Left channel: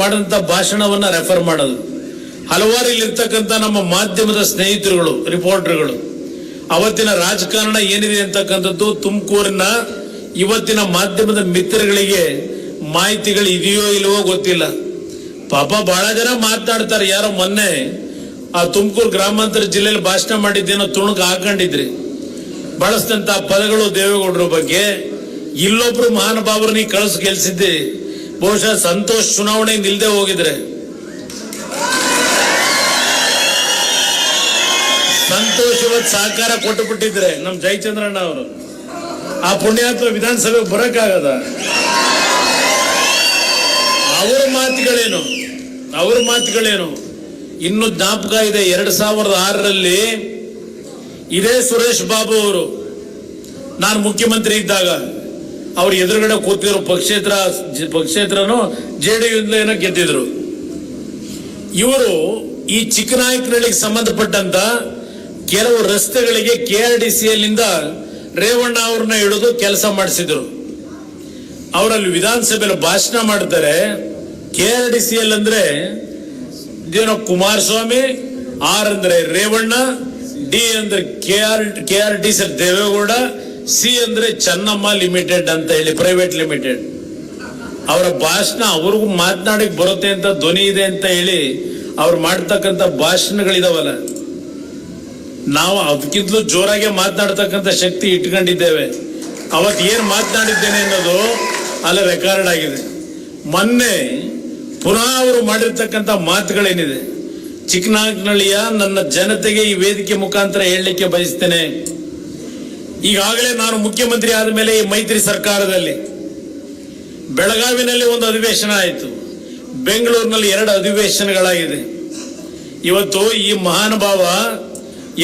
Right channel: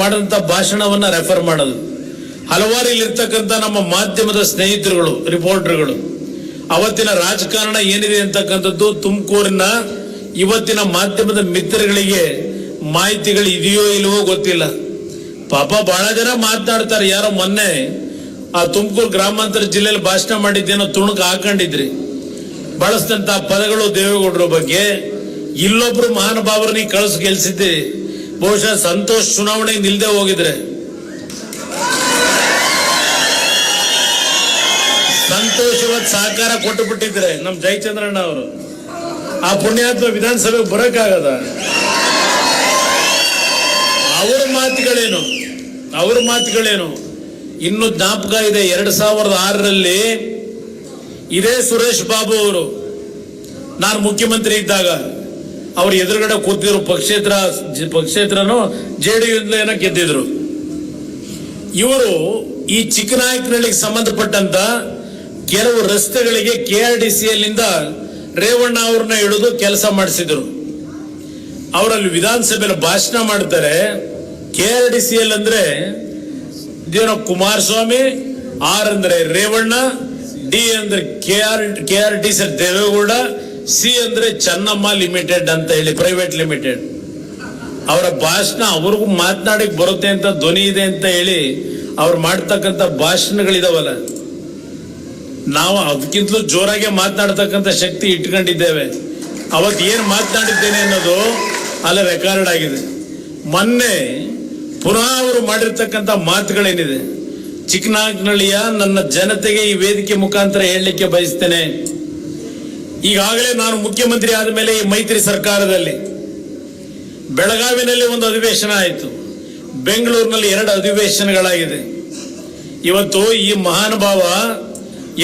ಮಾಡಿದಂತ ಭಾಷಣವನ್ನ ರೆಫರ್ ಮಾಡೋದು. ಹಲವಾರು ಇಲ್ಲಿರ್ತಕ್ಕಂಥ ನಮ್ಮ ಮಾಧ್ಯಮದ ಸ್ನೇಹಿತರುಗಳು, ರಿಪೋರ್ಟರ್ಗಳು ಅವತ್ತಿನ ರಾಜಕಾರಣ ಏನಿದೆ ಅಂತಕ್ಕಂಥದ್ದು ತುಮಕೂರಿನ ಇವತ್ತಿನ ಮಾಧ್ಯಮದ ಮಿತ್ರಗಳಿಗೆ ಮಾಹಿತಿಗಳು ಇದೆಯೋ ಇಲ್ವೋ ಗೊತ್ತಿಲ್ಲ. ಪಾಪ ಬಹಳ ಜನ ಮಾತನಾಡ್ತಾರೆ. ಯಾರೋ ಮೊನ್ನೆ ಆ ತುಮಕೂರು ಗ್ರಾಮಾಂತರ ಜಿಲ್ಲೆಯಲ್ಲಿ ಭಾಷಣ ಮಾಡಿದ್ದೇನೋ ತುಣುಕು ಹಾಕೊಂಡಿದ್ರಿ, ಬಳಸಿದಂತ ಪದಗಳು ದೇವೇಗೌಡರ ಬಗ್ಗೆ. ಇಲ್ಲೊಬ್ರು ಮಹಾನುಭಾವರನ್ನ ಕಳಿಸಿ ಗೆಲ್ಸಿದ್ದೀರಿ. ಬಹುಶಃ ಸಂತೋಷ್ ಚುನಾವಣೆ ನಿಲ್ದೆ ಹೋಗಿದ್ರೆ, ಸಂತೋಷ್ ಇವತ್ತು ಸಹಕಾರ ಕೊಟ್ಟು ಬಿಟ್ಟಿದ್ರೆ ನಮ್ ಜಯಚಂದ್ರಣ್ಣ ಅವರು, ಆ ಪುಣ್ಯಾತ್ಮ ವಿಧಾನಸಭೆಗೆ ಬರಕ್ಕಾಗದ? ಅವ್ರ ಮಾತುಗಳೇನು ಇನ್ನು ಜ್ಞಾಪಕ ಇದೆ. 2006ರಲ್ಲಿ ಇದೇ ಸುರೇಶ್ ಬಾಬು ಅವರು, ನಾನು ಮುಖ್ಯಮಂತ್ರಿ ಇದ್ದಾಗ ಅವ್ರ ಎದುರುಗಡೆ ಕೂತಿದ್ರು. ಪಕ್ಷೇತ್ರನೋ JDU ಏನೋ ಗೆದ್ದಿದ್ರು. ಇವರು ಈ ಚಿಕ್ಕನಾಯಕನಹಳ್ಳಿಗೆ ಸಂಬಂಧಪಟ್ಟಂತ ಕೆಲವು ರಸ್ತೆಗಳಿಗೆ KRDCಯಲ್ಲಿಂದ ರೇವಣ್ಣ ಅವ್ರನ್ನ ಹಿಡಿದು ಕೆಲಸ ಮಾಡಿಸಿದ್ರು. ಅವರಲ್ಲಿ ವಿಧಾನಸಭೆಯಲ್ಲಿ ಭಾಷಣ ಮಾಡ್ತಾರೆ. KRDCL ಅಂದ್ರೆ ಇದೇನೋ ಕುಮಾರಸ್ವಾಮಿ, R ಅಂದ್ರೆ ರೇವಣ್ಣ, D ಅಂದ್ರೆ KRDC ದೇವೇಗೌಡ, C ಅಂದ್ರೆ ಚೆನ್ನಮ್ಮ ಲಿಮಿಟೆಡ್ ಅಂತ ಹೇಳಿ ಪ್ರೈವೇಟ್ ಲಿಮಿಟೆಡ್. ಅವರ ಭಾಷಣ ಅವ್ರಿಗೂ ಮಾತನಾಡಿಕ್ ಬರುತ್ತೆ ಅಂತ ಧ್ವನಿ ಇದೆ ಅಂತ ಹೇಳಿ ಅವ್ರು ಮಾಡ್ತಕ್ಕಂಥ ಭಾಷಣಗಳಿದಾವಲ್ಲ, ನಾವು ಅದಕ್ಕಿಂತಲೂ ಜೋರಾಗಿ ಮಾತನಾಡ್ತಕ್ಕಂಥ ಶಕ್ತಿ ಇಟ್ಕೊಂಡಿದ್ದೇವೆ. ಅವತ್ತು ಏನ್ ಮಾತನಾಡಿದ್ದೇನೆ ಅನ್ನೋದು ಅಲ್ಲಿ ರೆಕಾರ್ಡ್ ಆಗಿದೆ. ಮೊನ್ನೆ ಪುನಃ ಅವರು ಮಾಡಿರ್ತಕ್ಕಂಥ ಮಾತುಗಳೇನಿದೆ, ಚಿಕ್ಕನಾಯಕನಹಳ್ಳಿಯ ನನ್ನ ಜನತೆಗೆ ಈ ವೇದಿಕೆ ಮುಖಾಂತರ ಹೇಳಲಿಕ್ಕೆ ಬಯಸ್ತೇನೆ. ಈಗಾಗಲೇ ನಾನು ಮುಖ್ಯಮಂತ್ರಿ ಆದ ಮೇಲೆ ಈ ಮೈತ್ರಿ ಸರ್ಕಾರದಲ್ಲಿ ಬೆಳಗಾವಿನಲ್ಲಿ ಒಂದು ಅಧಿವೇಶನ ಆಯಿತು, ಬೆಂಗಳೂರಿನಲ್ಲಿ 2 ಅಧಿವೇಶನಗಳಾಗಿದೆ. ಇವತ್ತು ಈ ಮಹಾನುಭಾವ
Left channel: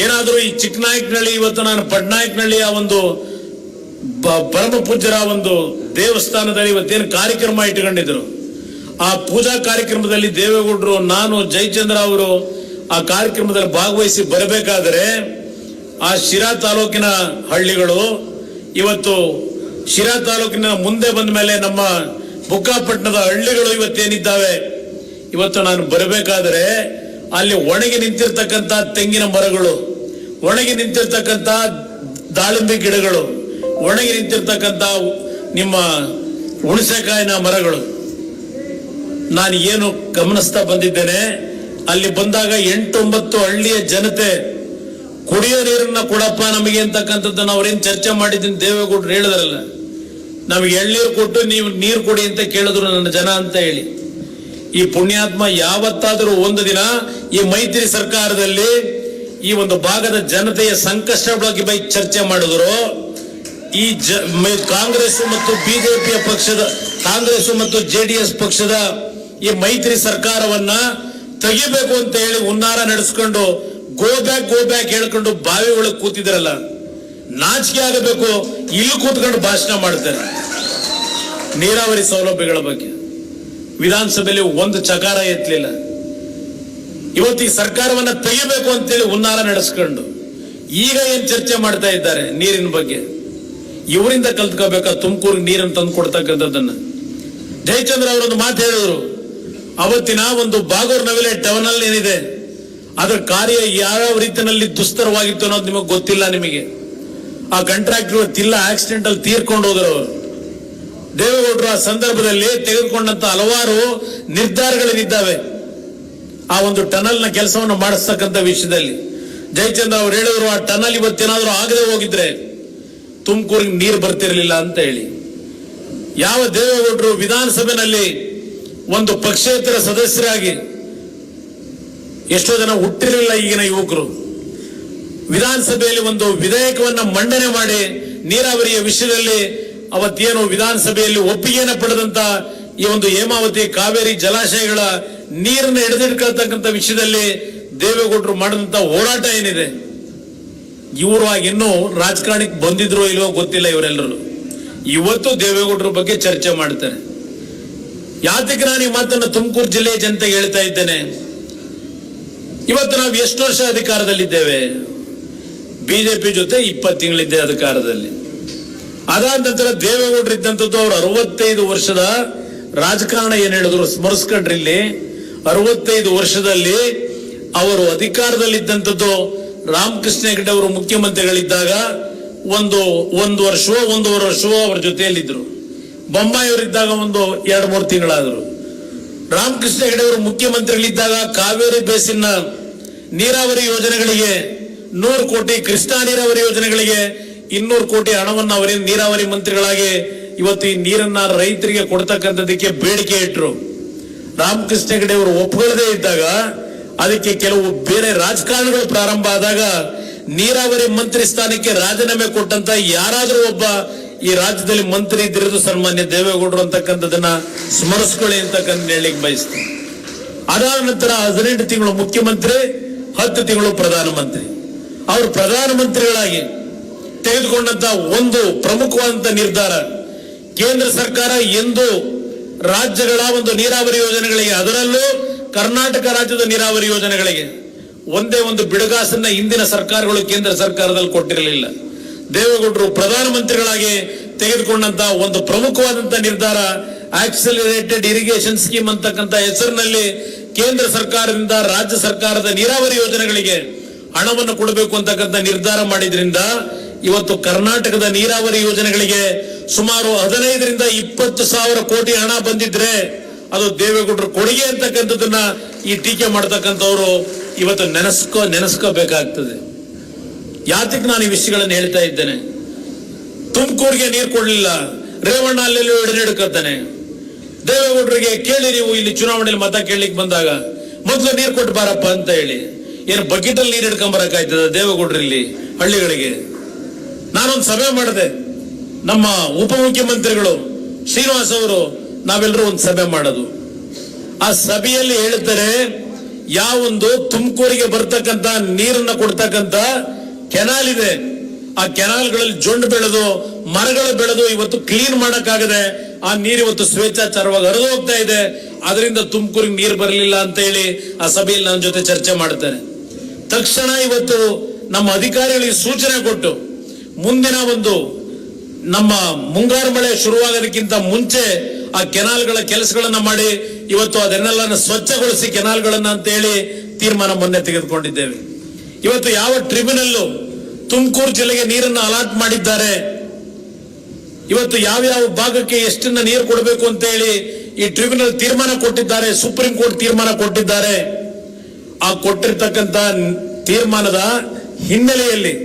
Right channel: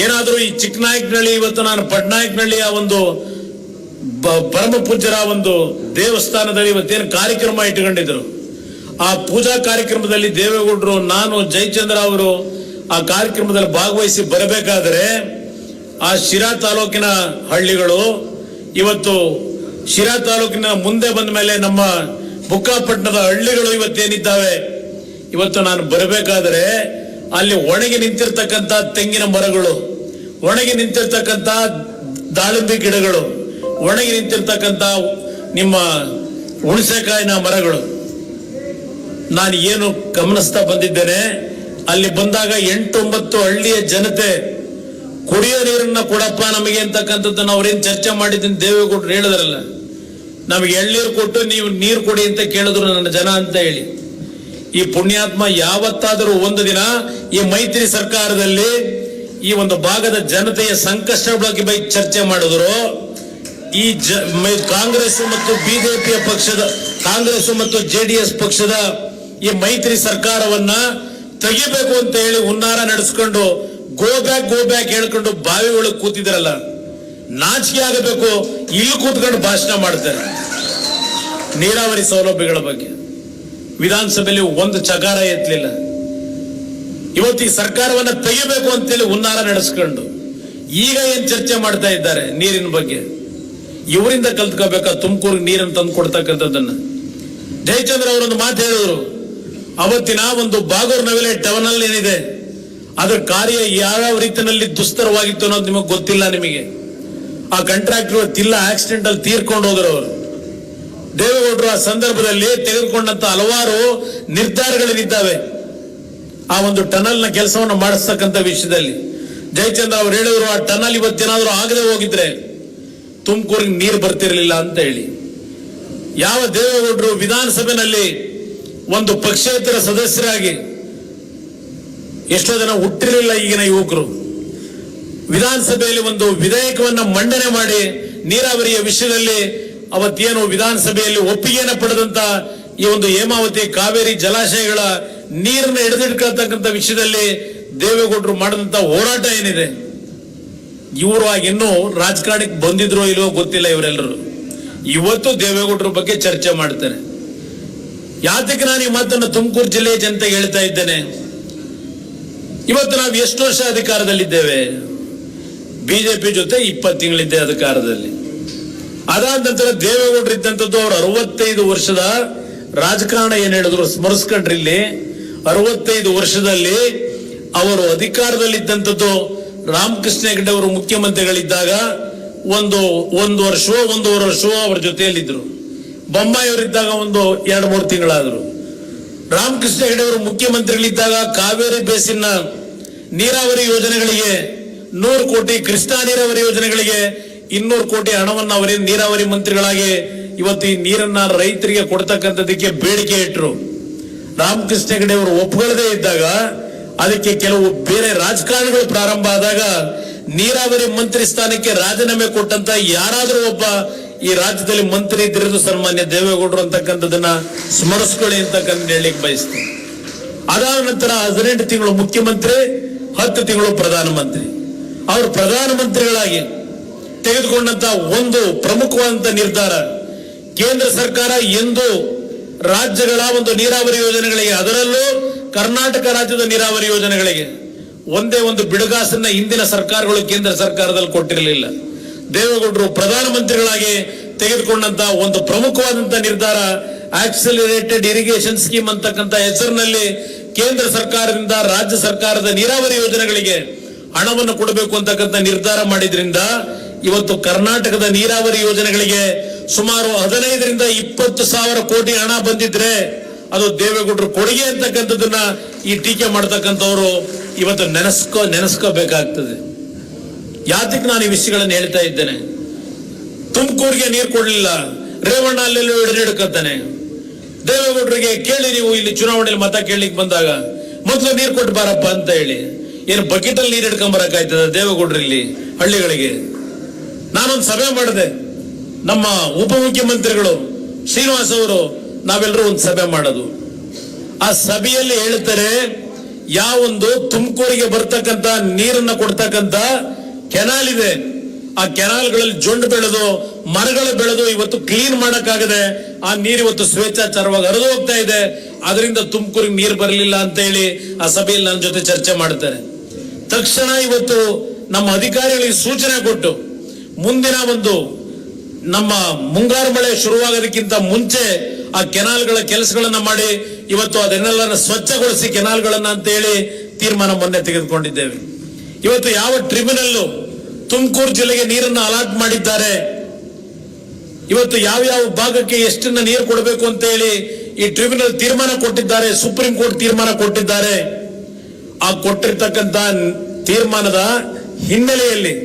ಏನಾದರೂ ಈ ಚಿಕ್ಕನಾಯಕನಹಳ್ಳಿ, ಇವತ್ತು ನಾನು ಪಟ್ನಾಯಕನಹಳ್ಳಿಯ ಒಂದು ಪರಮ ಪೂಜ್ಯರ ಒಂದು ದೇವಸ್ಥಾನದಲ್ಲಿ ಇವತ್ತೇನು ಕಾರ್ಯಕ್ರಮ ಇಟ್ಟುಕೊಂಡಿದ್ರು, ಆ ಪೂಜಾ ಕಾರ್ಯಕ್ರಮದಲ್ಲಿ ದೇವೇಗೌಡರು, ನಾನು, ಜಯಚಂದ್ರ ಅವರು ಆ ಕಾರ್ಯಕ್ರಮದಲ್ಲಿ ಭಾಗವಹಿಸಿ ಬರಬೇಕಾದರೆ ಆ ಶಿರಾ ತಾಲೂಕಿನ ಹಳ್ಳಿಗಳು, ಇವತ್ತು ಶಿರಾ ತಾಲೂಕಿನ ಮುಂದೆ ಬಂದ ಮೇಲೆ ನಮ್ಮ ಬುಕ್ಕಾಪಟ್ಟಣದ ಹಳ್ಳಿಗಳು ಇವತ್ತೇನಿದ್ದಾವೆ, ಇವತ್ತು ನಾನು ಬರಬೇಕಾದರೆ ಅಲ್ಲಿ ಒಣಗಿ ನಿಂತಿರ್ತಕ್ಕಂಥ ತೆಂಗಿನ ಮರಗಳು, ಒಣಗಿ ನಿಂತಿರ್ತಕ್ಕಂಥ ದಾಳಿಂಬೆ ಗಿಡಗಳು, ಒಣಗಿ ನಿಂತಿರ್ತಕ್ಕಂಥ ನಿಮ್ಮ ಹುಣಸೆಕಾಯಿನ ಮರಗಳು, ನಾನು ಏನು ಗಮನಿಸ್ತಾ ಬಂದಿದ್ದೇನೆ, ಅಲ್ಲಿ ಬಂದಾಗ 8-9 ಹಳ್ಳಿಯ ಜನತೆ ಕುಡಿಯೋ ನೀರನ್ನ ಕೊಡಪ್ಪ ನಮಗೆ ಅಂತಕ್ಕಂಥದ್ದನ್ನು ಅವ್ರೇನು ಚರ್ಚೆ ಮಾಡಿದ್ದೀನಿ ದೇವೇಗೌಡರು ಹೇಳಿದ್ರಲ್ಲ, ನಮಗೆ ಎಳ್ನೀರು ಕೊಟ್ಟು ನೀವು ನೀರು ಕೊಡಿ ಅಂತ ಕೇಳಿದ್ರು ನನ್ನ ಜನ ಅಂತ ಹೇಳಿ. ಈ ಪುಣ್ಯಾತ್ಮ ಯಾವತ್ತಾದರೂ ಒಂದು ದಿನ ಈ ಮೈತ್ರಿ ಸರ್ಕಾರದಲ್ಲಿ ಈ ಒಂದು ಭಾಗದ ಜನತೆಯ ಸಂಕಷ್ಟ ಬಗ್ಗೆ ಚರ್ಚೆ ಮಾಡಿದ್ರು. ಈ ಕಾಂಗ್ರೆಸ್ ಮತ್ತು ಬಿಜೆಪಿಯ ಪಕ್ಷದ, ಕಾಂಗ್ರೆಸ್ ಮತ್ತು JDS ಪಕ್ಷದ ಈ ಮೈತ್ರಿ ಸರ್ಕಾರವನ್ನ ತೆಗಿಬೇಕು ಅಂತ ಹೇಳಿ ಹುನ್ನಾರ ನಡೆಸ್ಕೊಂಡು ಗೋ ಬ್ಯಾಕ್ ಹೇಳ್ಕೊಂಡು ಬಾವಿ ಒಳಗೆ ಕೂತಿದ್ರಲ್ಲ, ನಾಚಿಕೆ ಆಗಬೇಕು. ಇಲ್ಲಿ ಕೂತ್ಕೊಂಡು ಭಾಷಣ ಮಾಡ್ತಾರೆ ನೀರಾವರಿ ಸೌಲಭ್ಯಗಳ ಬಗ್ಗೆ. ವಿಧಾನಸಭೆಯಲ್ಲಿ ಒಂದು ಚಕಾರ ಎತ್ತಲಿಲ್ಲ. ಇವತ್ತು ಈ ಸರ್ಕಾರವನ್ನ ತೆಗಿಬೇಕು ಅಂತೇಳಿ ಹುನ್ನಾರ ನಡೆಸ್ಕೊಂಡು ಈಗ ಏನ್ ಚರ್ಚೆ ಮಾಡ್ತಾ ಇದ್ದಾರೆ ನೀರಿನ ಬಗ್ಗೆ. ಇವರಿಂದ ಕಲ್ತ್ಕೋಬೇಕಾ ತುಮಕೂರಿಗೆ ನೀರನ್ನು ತಂದು ಕೊಡ್ತಕ್ಕಂಥದ್ದನ್ನ. ಜಯಚಂದ್ರ ಅವರೊಂದು ಮಾತು ಹೇಳಿದ್ರು, ಅವತ್ತಿನ ಒಂದು ಬಾಗೂರ್ ನವಿಲೆ ಟನಲ್ ಏನಿದೆ ಅದರ ಕಾರ್ಯ ಯಾವ ರೀತಿಯಲ್ಲಿ ದುಸ್ತರವಾಗಿತ್ತು ಅನ್ನೋದು ನಿಮಗೆ ಗೊತ್ತಿಲ್ಲ. ನಿಮಗೆ ಆ ಕಾಂಟ್ರಾಕ್ಟರ್ ತಿಲ್ಲ ಆಕ್ಸಿಡೆಂಟ್ ಅಲ್ಲಿ ತೀರ್ಕೊಂಡು ಹೋದ್ರು ಅವರು. ದೇವೇಗೌಡರು ಆ ಸಂದರ್ಭದಲ್ಲಿ ತೆಗೆದುಕೊಂಡಂತ ಹಲವಾರು ನಿರ್ಧಾರಗಳೇನಿದ್ದಾವೆ ಆ ಒಂದು ಟನಲ್ ನ ಕೆಲಸವನ್ನು ಮಾಡಿಸ್ತಕ್ಕಂಥ ವಿಷಯದಲ್ಲಿ. ಜಯಚಂದ್ರ ಅವರು ಹೇಳಿದ್ರು, ಆ ಟನಲ್ ಇವತ್ತೇನಾದ್ರೂ ಆಗದೆ ಹೋಗಿದ್ರೆ ತುಮಕೂರಿಗೆ ನೀರು ಬರ್ತಿರ್ಲಿಲ್ಲ ಅಂತ ಹೇಳಿ. ಯಾವ ದೇವೇಗೌಡರು ವಿಧಾನಸಭೆಯಲ್ಲಿ ಒಂದು ಪಕ್ಷೇತರ ಸದಸ್ಯರಾಗಿ, ಎಷ್ಟೋ ಜನ ಹುಟ್ಟಿರಲಿಲ್ಲ ಈಗಿನ ಯುವಕರು, ವಿಧಾನಸಭೆಯಲ್ಲಿ ಒಂದು ವಿಧೇಯಕವನ್ನ ಮಂಡನೆ ಮಾಡಿ ನೀರಾವರಿಯ ವಿಷಯದಲ್ಲಿ ಅವತ್ತೇನು ವಿಧಾನಸಭೆಯಲ್ಲಿ ಒಪ್ಪಿಗೆಯನ್ನು ಪಡೆದಂತ ಈ ಒಂದು ಹೇಮಾವತಿ ಕಾವೇರಿ ಜಲಾಶಯಗಳ ನೀರನ್ನು ಹಿಡಿದಿಟ್ಕೊಳ್ತಕ್ಕಂಥ ವಿಷಯದಲ್ಲಿ ದೇವೇಗೌಡರು ಮಾಡಿದಂತ ಹೋರಾಟ ಏನಿದೆ, ಇವರು ಇನ್ನೂ ರಾಜಕಾರಣಕ್ಕೆ ಬಂದಿದ್ರು ಇಲ್ವೋ ಗೊತ್ತಿಲ್ಲ. ಇವರೆಲ್ಲರೂ ಇವತ್ತು ದೇವೇಗೌಡರ ಬಗ್ಗೆ ಚರ್ಚೆ ಮಾಡ್ತಾರೆ. ಯಾತಕ್ಕೆ ನಾನು ಈ ಮಾತನ್ನು ತುಮಕೂರು ಜಿಲ್ಲೆಯ ಜನತೆಗೆ ಹೇಳ್ತಾ ಇದ್ದೇನೆ, ಇವತ್ತು ನಾವು ಎಷ್ಟು ವರ್ಷ ಅಧಿಕಾರದಲ್ಲಿದ್ದೇವೆ? ಬಿಜೆಪಿ ಜೊತೆ 20 ತಿಂಗಳಿದ್ದೆ ಅಧಿಕಾರದಲ್ಲಿ. ಅದಾದ ನಂತರ ದೇವೇಗೌಡರು ಇದ್ದಂಥದ್ದು ಅವರು 65 ವರ್ಷದ ರಾಜಕಾರಣ ಏನ್ ಹೇಳಿದ್ರು ಸ್ಮರಿಸ್ಕೊಂಡ್ರಿ. ಇಲ್ಲಿ 65 ವರ್ಷದಲ್ಲಿ ಅವರು ಅಧಿಕಾರದಲ್ಲಿದ್ದಂಥದ್ದು ರಾಮಕೃಷ್ಣ ಹೆಗಡೆ ಅವರು ಮುಖ್ಯಮಂತ್ರಿಗಳಿದ್ದಾಗ ಒಂದು ವರ್ಷವೋ 1.5 ವರ್ಷವೋ ಅವರ ಜೊತೆಯಲ್ಲಿದ್ದರು. ಬೊಮ್ಮಾಯಿ ಅವರಿದ್ದಾಗ 2-3 ತಿಂಗಳಾದ್ರು. ರಾಮಕೃಷ್ಣ ಹೆಗಡೆ ಅವರು ಮುಖ್ಯಮಂತ್ರಿಗಳಿದ್ದಾಗ ಕಾವೇರಿ ಬೇಸಿನ ನೀರಾವರಿ ಯೋಜನೆಗಳಿಗೆ 100 ಕೋಟಿ, ಕೃಷ್ಣಾ ನೀರಾವರಿ ಯೋಜನೆಗಳಿಗೆ 200 ಕೋಟಿ ಹಣವನ್ನು ಅವರೇ ನೀರಾವರಿ ಮಂತ್ರಿಗಳಾಗಿ ಇವತ್ತು ಈ ನೀರನ್ನ ರೈತರಿಗೆ ಕೊಡ್ತಕ್ಕಂಥದಕ್ಕೆ ಬೇಡಿಕೆ ಇಟ್ಟರು. ರಾಮಕೃಷ್ಣ ಹೆಗಡೆ ಅವರು ಒಪ್ಕೊಳ್ಳದೇ ಇದ್ದಾಗ ಅದಕ್ಕೆ ಕೆಲವು ಬೇರೆ ರಾಜಕಾರಣಗಳು ಪ್ರಾರಂಭ ಆದಾಗ ನೀರಾವರಿ ಮಂತ್ರಿ ಸ್ಥಾನಕ್ಕೆ ರಾಜೀನಾಮೆ ಕೊಟ್ಟಂತ ಯಾರಾದರೂ ಒಬ್ಬ ಈ ರಾಜ್ಯದಲ್ಲಿ ಮಂತ್ರಿ ಇದ್ದಿರೋದು ಸನ್ಮಾನ್ಯ ದೇವೇಗೌಡರು ಅಂತಕ್ಕಂಥದನ್ನ ಸ್ಮರಿಸ್ಕೊಳ್ಳಿ ಅಂತಕ್ಕಂಥ ಹೇಳಲಿಕ್ಕೆ ಬಯಸ್ತೀನಿ. ಅದಾದ ನಂತರ 18 ತಿಂಗಳು ಮುಖ್ಯಮಂತ್ರಿ, 10 ತಿಂಗಳು ಪ್ರಧಾನಮಂತ್ರಿ. ಅವರು ಪ್ರಧಾನಮಂತ್ರಿಗಳಾಗಿ ತೆಗೆದುಕೊಂಡಂತ ಒಂದು ಪ್ರಮುಖವಾದಂತ ನಿರ್ಧಾರ, ಕೇಂದ್ರ ಸರ್ಕಾರ ಎಂದು ರಾಜ್ಯಗಳ ಒಂದು ನೀರಾವರಿ ಯೋಜನೆಗಳಿಗೆ, ಅದರಲ್ಲೂ ಕರ್ನಾಟಕ ರಾಜ್ಯದ ನೀರಾವರಿ ಯೋಜನೆಗಳಿಗೆ ಒಂದೇ ಒಂದು ಬಿಡುಗಾಸನ್ನ ಹಿಂದಿನ ಸರ್ಕಾರಗಳು ಕೇಂದ್ರ ಸರ್ಕಾರದಲ್ಲಿ ಕೊಟ್ಟಿರಲಿಲ್ಲ. ದೇವೇಗೌಡರು ಪ್ರಧಾನಮಂತ್ರಿಗಳಾಗಿ ತೆಗೆದುಕೊಂಡಂತ ಒಂದು ಪ್ರಮುಖವಾದಂತ ನಿರ್ಧಾರ ಆಕ್ಸಿಲರೇಟೆಡ್ ಇರಿಗೇಷನ್ ಸ್ಕೀಮ್ ಅಂತಕ್ಕಂಥ ಹೆಸರಿನಲ್ಲಿ ಕೇಂದ್ರ ಸರ್ಕಾರದಿಂದ ರಾಜ್ಯ ಸರ್ಕಾರದ ನೀರಾವರಿ ಯೋಜನೆಗಳಿಗೆ ಹಣವನ್ನು ಕೊಡಬೇಕು ಅಂತಕ್ಕಂಥ ನಿರ್ಧಾರ ಮಾಡಿದ್ರಿಂದ ಇವತ್ತು ಕರ್ನಾಟಕದ ನೀರಾವರಿ ಯೋಜನೆಗಳಿಗೆ ಸುಮಾರು 15ರಿಂದ 20 ಸಾವಿರ ಕೋಟಿ ಹಣ ಬಂದಿದ್ರೆ ಅದು ದೇವೇಗೌಡರು ಕೊಡುಗೆ ಅಂತಕ್ಕಂಥದನ್ನ ಈ ಟೀಕೆ ಮಾಡತಕ್ಕಂಥವ್ರು ಇವತ್ತು ನೆನೆಸ್ಕೋಬೇಕಾಗ್ತದೆ. ಯಾತಕ್ಕೆ ನಾನು ಈ ವಿಷಯಗಳನ್ನು ಹೇಳ್ತಾ ಇದ್ದೇನೆ? ತುಮಕೂರಿಗೆ ನೀರು ಕೊಡಲಿಲ್ಲ, ರೇವಣ್ಣ ಅಲ್ಲೆಲ್ಲೋ ಹಿಡಿದಿಡ್ಕತ್ತಾನೆ. ದೇವೇಗೌಡರಿಗೆ ಕೇಳಿ, ನೀವು ಇಲ್ಲಿ ಚುನಾವಣೆಯಲ್ಲಿ ಮತ ಕೇಳಲಿಕ್ಕೆ ಬಂದಾಗ ಮೊದಲು ನೀರು ಕೊಟ್ಟು ಬಾರಪ್ಪ ಅಂತ ಹೇಳಿ, ಏನು ಬಕೆಟ್ ಅಲ್ಲಿ ನೀರು ಹಿಡ್ಕೊಂಬರಕಾಯ್ತದ ದೇವೇಗೌಡರಲ್ಲಿ ಹಳ್ಳಿಗಳಿಗೆ? ನಾನೊಂದು ಸಭೆ ಮಾಡಿದೆ, ನಮ್ಮ ಉಪಮುಖ್ಯಮಂತ್ರಿಗಳು ಶ್ರೀನಿವಾಸ್ ಅವರು, ನಾವೆಲ್ಲರೂ ಒಂದು ಸಭೆ ಮಾಡೋದು. ಆ ಸಭೆಯಲ್ಲಿ ಹೇಳ್ತಾರೆ, ಯಾವೊಂದು ತುಮಕೂರಿಗೆ ಬರ್ತಕ್ಕಂತ ನೀರನ್ನ ಕೊಡ್ತಕ್ಕಂತ ಕೆನಾಲ್ ಇದೆ, ಆ ಕೆನಾಲ್ಗಳಲ್ಲಿ ಜೊಂಡು ಬೆಳೆದು ಮರಗಳು ಬೆಳೆದು ಇವತ್ತು ಕ್ಲೀನ್ ಮಾಡಕ್ಕಾಗದೆ ಆ ನೀರು ಇವತ್ತು ಸ್ವೇಚ್ಛಾಚಾರವಾಗಿ ಹರಿದು ಹೋಗ್ತಾ ಇದೆ. ಅದರಿಂದ ತುಮಕೂರಿಗೆ ನೀರು ಬರಲಿಲ್ಲ ಅಂತ ಹೇಳಿ ಆ ಸಭೆಯಲ್ಲಿ ನನ್ನ ಜೊತೆ ಚರ್ಚೆ ಮಾಡ್ತಾರೆ. ತಕ್ಷಣ ಇವತ್ತು ನಮ್ಮ ಅಧಿಕಾರಿಗಳಿಗೆ ಸೂಚನೆ ಕೊಟ್ಟು ಮುಂದಿನ ನಮ್ಮ ಮುಂಗಾರು ಮಳೆ ಶುರುವಾಗೋದಕ್ಕಿಂತ ಮುಂಚೆ ಆ ಕೆನಾಲ್ಗಳ ಕೆಲಸಗಳನ್ನ ಮಾಡಿ ಇವತ್ತು ಅದನ್ನೆಲ್ಲ ಸ್ವಚ್ಛಗೊಳಿಸಿ ಕೆನಾಲ್ಗಳನ್ನ ಅಂತ ಹೇಳಿ ತೀರ್ಮಾನ ಮೊನ್ನೆ ತೆಗೆದುಕೊಂಡಿದ್ದೇವೆ. ಇವತ್ತು ಯಾವ ಟ್ರಿಬ್ಯುನಲ್ ತುಮಕೂರು ಜಿಲ್ಲೆಗೆ ನೀರನ್ನು ಅಲಾಟ್ ಮಾಡಿದ್ದಾರೆ, ಇವತ್ತು ಯಾವ ಭಾಗಕ್ಕೆ ಎಷ್ಟನ್ನ ನೀರು ಕೊಡಬೇಕು ಅಂತ ಹೇಳಿ ಈ ಟ್ರಿಬ್ಯುನಲ್ ತೀರ್ಮಾನ ಕೊಟ್ಟಿದ್ದಾರೆ, ಸುಪ್ರೀಂ ಕೋರ್ಟ್ ತೀರ್ಮಾನ ಕೊಟ್ಟಿದ್ದಾರೆ. ಆ ಕೊಟ್ಟಿರ್ತಕ್ಕಂಥ ತೀರ್ಮಾನದ ಹಿನ್ನೆಲೆಯಲ್ಲಿ